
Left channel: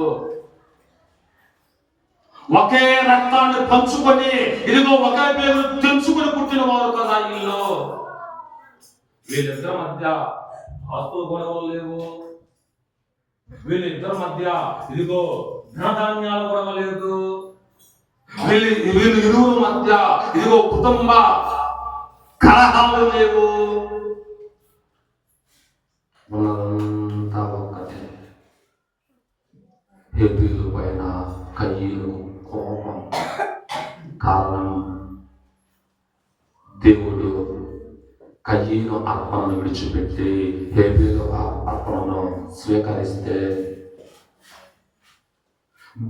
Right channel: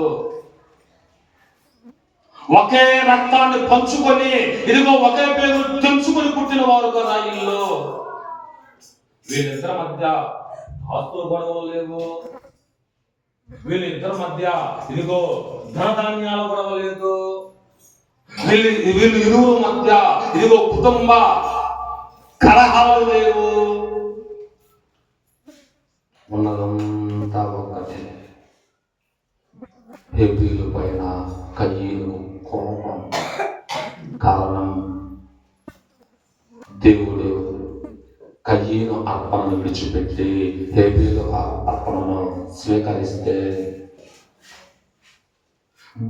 ఒకే రక్తాన్ని పంచుకొని ఇదిగో ఒకే పేరు తెంచుకొని పుట్టిన వారు కదా వీళ్ళు. వీళ్ళిద్దరి మధ్య ఆస్తుల గొడవలు లేవు, వీళ్ళిద్దరి మధ్య ఇదిగో ధనధాన్యాల గొడవ లేదు, వీళ్ళు ఇరువురు మధ్య ఇదిగో కుటుంబ కలహాలు లేవు. ఉన్నదంతా ఒక్కటే. హేబేలు పైన కయీను కోపం. కారణం, దేవుడు కయీను అర్పణను విడిచిపెట్టి హేబేలు అర్పణను స్వీకరిస్తే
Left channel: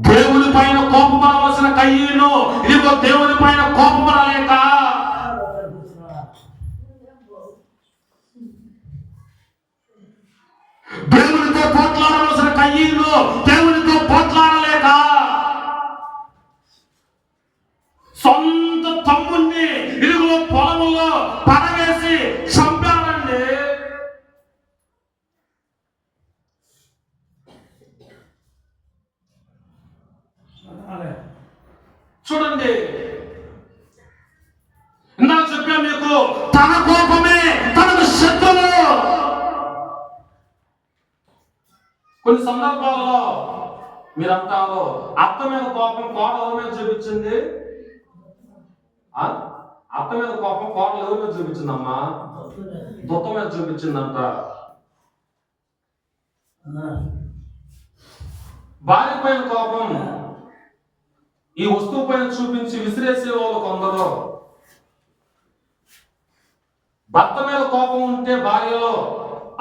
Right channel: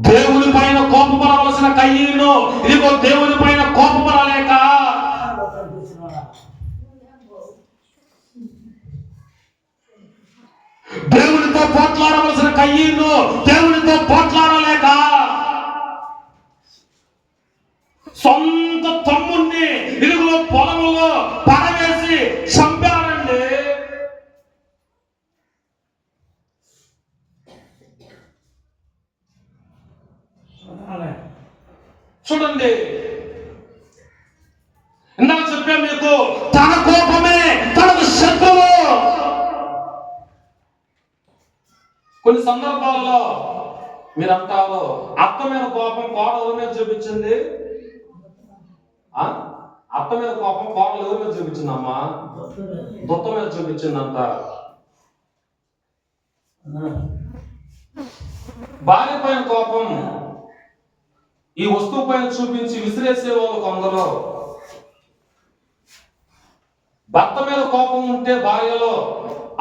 దేవుని పైన కోపపడవలసిన కయీను ఇదిగో దేవుని పైన కోపపడలేక దేవునితో పోట్లాడవలసిన కయీను దేవునితో పోట్లాడలేక సొంత తమ్ముణ్ణి ఇదిగో పొలంలో పడవేసి చంపారండి. చూడండి, ఇందాక చెప్పా మీకు, తన కోపమే తనకు శత్రువు. కొన్ని సందర్భాల్లో మీరు అంటారు, అత్త మీద కోపం కోడల మీద చూపించింది. అత్త మీద కోపం కోడలు ఎవరి మీద చూపించిందమ్మా? దుత్త మీద చూపించిందంట. భార్య పైన కోపం ఈ వస్తువు పైన చూపించి విసిరేసే వాళ్ళు కొందరు. భర్త మీద కోపం ఉంటే భార్యలో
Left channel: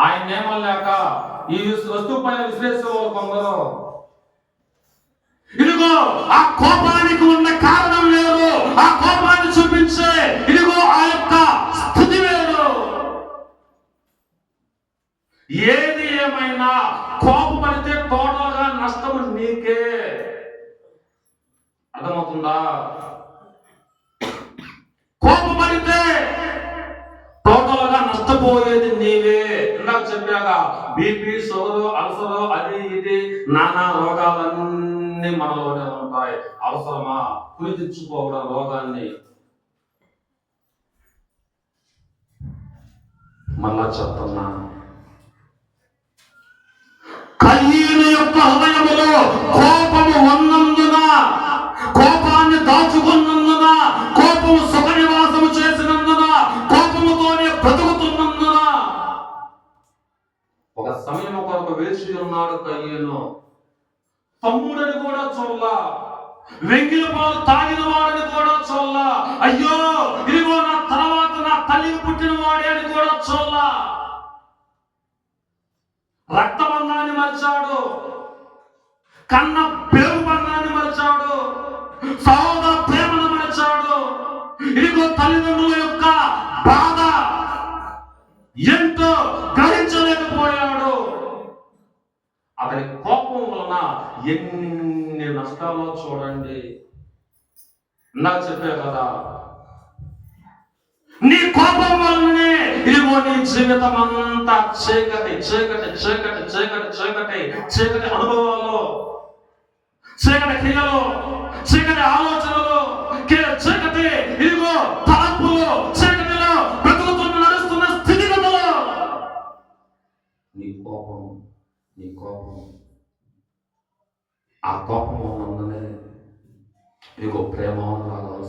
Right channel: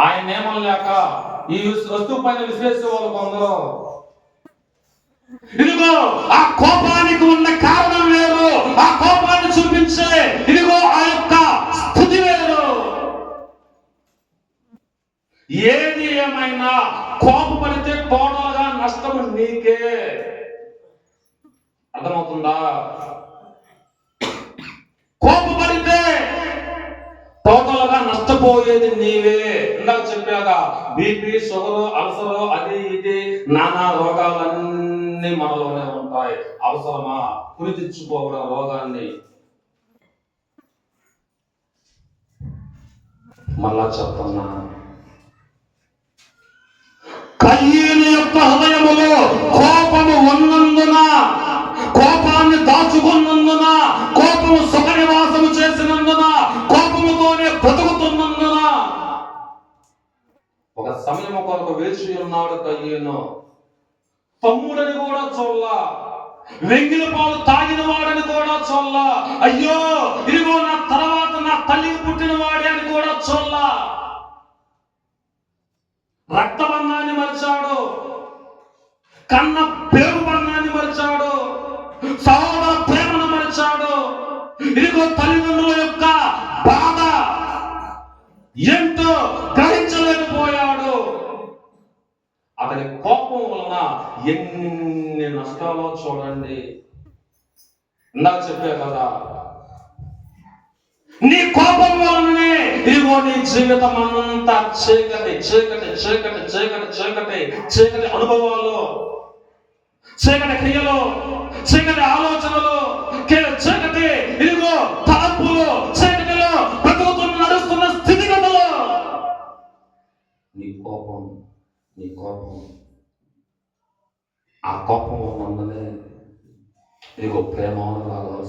ఆయన నేమలేక ఈ వస్తువు పైన విసిరేసే వాళ్ళు కొందరు. ఇదిగో ఆ కోపానికి ఉన్న కారణం వేరు, ఆ కోపాన్ని చూపించే ఇదిగో ఆ యొక్క స్థితి వేరు. ఏది ఏమైనా కోపపడితే టోటల్ గా నష్టం నీకే. అర్థమవుతుందా? కోపపడితే టోటల్ గా నష్టపోయేది నీవే. ఇందాక చెప్పాగా, బీపీ, షుగర్, అల్సర్, అది ఇది నానా రోగాలన్నీ మనలోనే ఉంటాయి. అవసరమా కురి తెచ్చుకోవడం రోగాన్ని? మళ్ళా చెప్తున్నా, కయీను యొక్క హృదయములో కోపము ఉన్నందున, కోపాన్ని దాచుకున్నందున, కోపము సుఖ నివాసము చేసినందున, కోపముతోనే బ్రతుకుతున్నందున ఒక సమయం కొరకు వేచి ఉన్నాడు కయీను. తమ్ముడని కూడా చూడలా, వెంగిల పాలు తాగిన వాడని కూడా చూడలా, అయ్యో ఇదిగో నా తర్వాత నా తల్లికి పుట్టిన వాడే అని కూడా చూడలా. రక్తబంధాన్ని మరిచాడు, కన్న పేరు బంధాన్ని మరిచాడు, సహోదర ప్రేమను మరిచాడు. ఇదిగో తల్లిదండ్రుల యొక్క బాధ ఏంటో గ్రహించలేకపోయాడు. అతని కోపం వలన ఎన్ని నష్టాలో చూడండి. ఇందాక చెప్పే కదా, నీ కోపం వలనే ఇదిగో నీ జీవితం అంతా చీకటి చీకటి చీకటి చీకటి చీకటి చీకటి అనుభవాలు, చీకటి క్రియలు, చీకటి ఆలోచనలు, చీకటి ఇదిగో తలంపులు, చీకటిలో బ్రతుకుతున్న నడుస్తున్న స్థితిగతులు. నీ కోపం ఆ కోపం ఉన్నందునే ఇదిగో ప్రేమ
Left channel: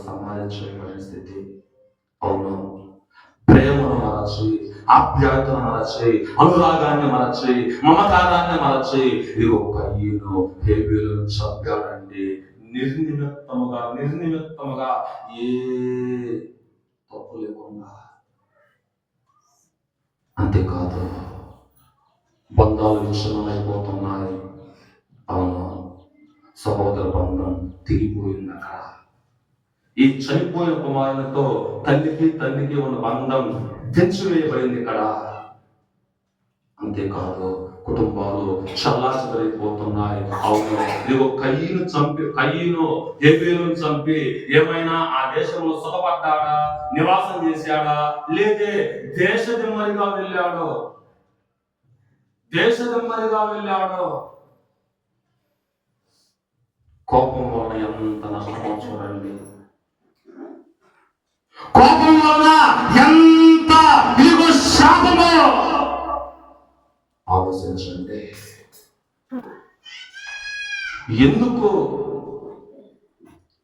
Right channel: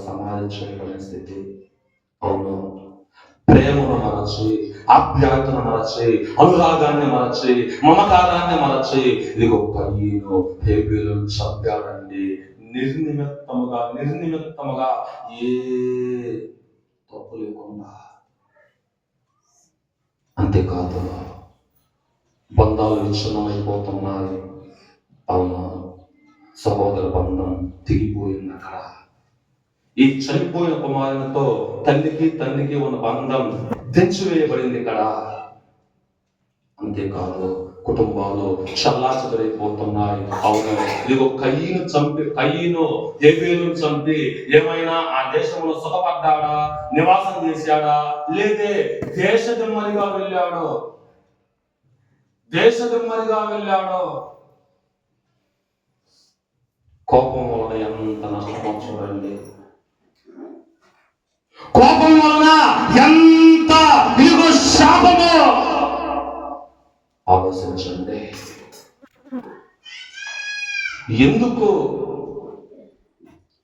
సంపాదించబడిన స్థితి. అవును, ప్రేమను మరచి, ఆప్యాయతను మరచి, అనురాగాన్ని మరచి, మమకారాన్ని మరచి ఇదిగో కయీను హేబేలును చంపాడండి. నిర్నిమిత్తముగా ఏ తప్పు లేకుండా. అంతేకాదు, బంధాలు విచ్ఛిన్నమైపోతున్నాయి, అవును, సహోదర బంధం తెగిపోయింది అక్కడ. ఈ చనిపోయిన కుమారునితో తండ్రికి ఉన్న బంధం తెంచివేయబడింది ఇక్కడ. అంతేకాదు, కుటుంబాలు చల్లాచెదరైపోతున్నాయి. అవును, ఇదిగో కయ్యను హేబేలును చంపి ఏమైనా ఆ దేశంలో సుఖపడ్డాడా, నివాసం చేశాడా? లేదే, దేశదిమ్మరిగా వెళ్ళాడు. కోపం వలన ఎంత నష్టమో చూడండి. కోపం వలన ఎంత ఇదిగో శాపమో ఆలోచించండి. ఎందుకు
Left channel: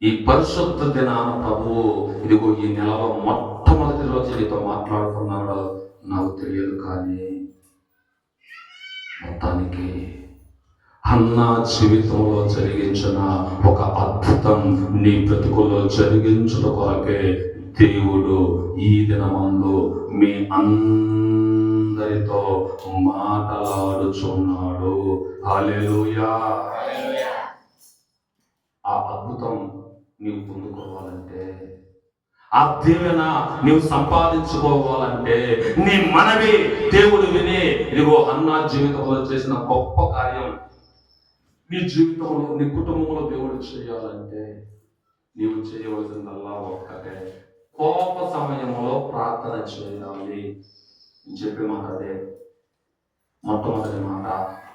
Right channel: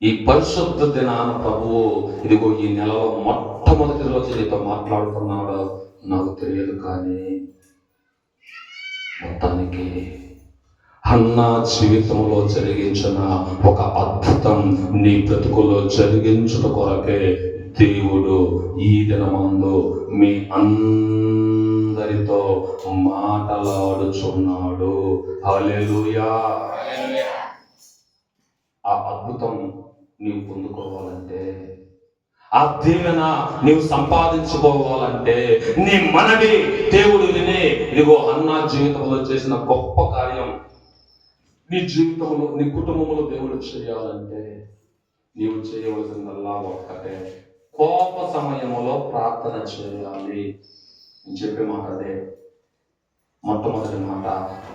ఈ పరిశుద్ధ దినాన ప్రభువు ఇదిగో ఈ నెలలో మొట్టమొదటి రోజు నీతో మాట్లాడుతున్నాడో నాకు తెలియదు. కానీ మొత్తానికి హన్నా జీవితంలో జరిగించిన ఒక అద్భుతం నీ బ్రతుకులో జరిగించుట కొరకే దేవుడు ఈ దినమందు మీ అందరితో మాట్లాడుచున్నాడు. హల్లెలూయా. ఆ అద్భుతం నీవు పొందుకోవాలంటే, ఆ దీవెన నీవు సంపాదించుకోవాలంటే నీ మనవి దేవుడు విని ఇదిగో హన్నా జీవితంలో చేసిన గొప్ప కార్యం నీ జీవితంలో, నీ కుటుంబంలో దేవుడు చేయాలంటే నీవు చేయవలసిందల్లా ఒక్కటే, కోప సమయంలో ప్రార్థన చేయాలి. నేను చెప్పే మాట అదే. మొట్టమొదటి మాట,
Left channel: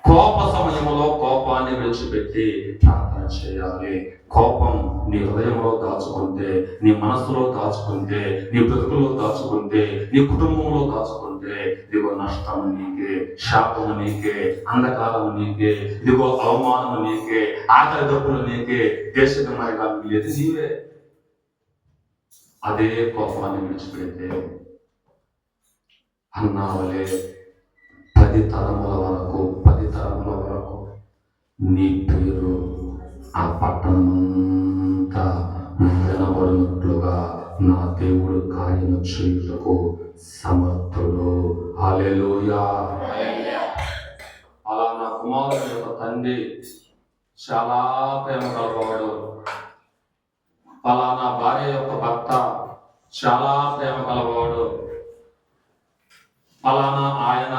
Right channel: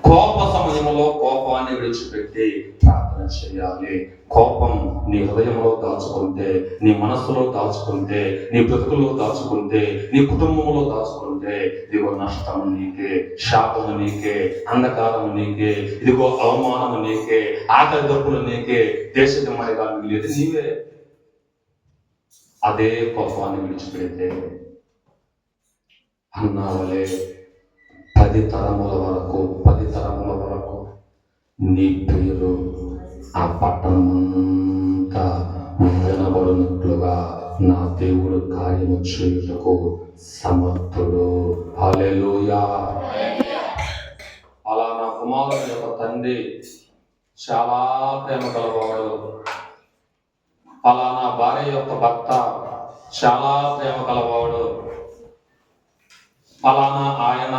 కోప సమయంలో కోపాన్ని విడిచిపెట్టి ప్రార్థన చేయాలి. కోపం నీ హృదయంలో దాచుకుంటే, నీ మనస్సులో దాచుకుంటే, నీ బ్రతుకులో దాచుకుంటే, నీ కుటుంబంలో దాచుకుంటే ఇదిగో నష్టం నీకే, శాపము నీకే, అంధకారము నీకే, ఇదిగో అవమానము నీకే, ఆకలి దప్పులు నీకే, దేశగమనిగా మిగిలేది నీవే. అదే కోపాన్ని విడిచిపెడితే అన్నా వలే 10 తరముల వరకు నీ పేరు ఆ పట్టణమంతా వినబడినట్లుగా నా దేవుడు కార్యము చేయుటకు సమర్థుడు. హల్లెలూయా. అలా నా కుమారుని యొక్క తండ్రి చాలా ప్రేమ కలవాడు. ఫలానా భార్య యొక్క భర్త చాలా ప్రేమ కలవాడు. ఫలానా ఆయన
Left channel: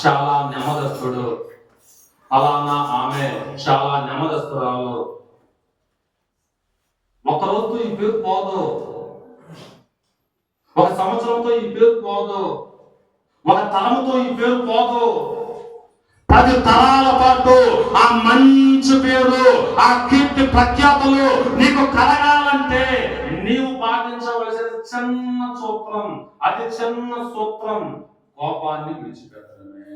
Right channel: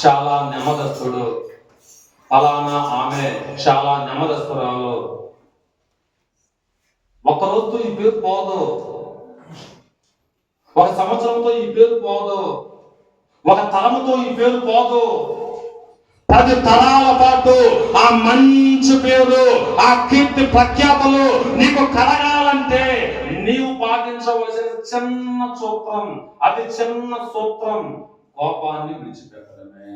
చాలా నెమ్మదస్తుడు, ఫలానా ఆమె చాలా నెమ్మదస్తురాలు. ఒక రోజుతో ఈ పేరు పోదు, ఒక సంవత్సరంతో ఈ పేరు పోదు, ఒక తరముతో ఈ పేరు పోదు. 10 తరాల పాటు ఆ మంచి పేరు, ఆ కీర్తి ప్రఖ్యాతులు నీకు కలగాలంటే నీవు పాటించవలసిన చిన్న సూత్రం, అతి చిన్న సూత్రం కోపాన్ని విడిచిపెట్టడమే.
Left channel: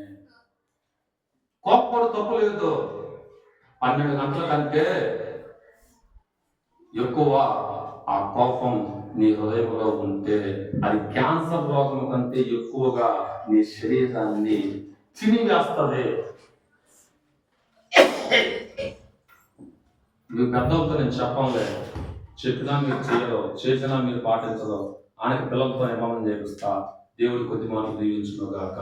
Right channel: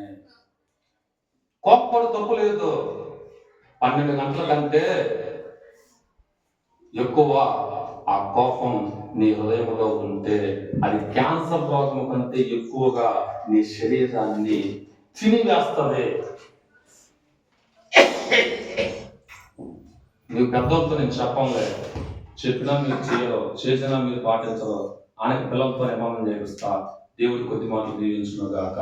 కోపపడు తప్పులేదు. 12 గంటల కంటే ఎక్కువ ఆ కోపం నీ హృదయంలో ఉంటే అది క్యాన్సర్ రోగం కంటే ఎక్కువగా నీ శరీరాన్ని తినివేస్తుంది. నీవు పెద్దలతో నేను చెప్పంలే, చెప్పినా మీరు చేయరు, చేసినా మీరు పాటించరు. ఆయనకి పిల్లలతో నియమనం చేపిస్తా. దేవుడి కొద్ది మాటలు దీవించును గాక.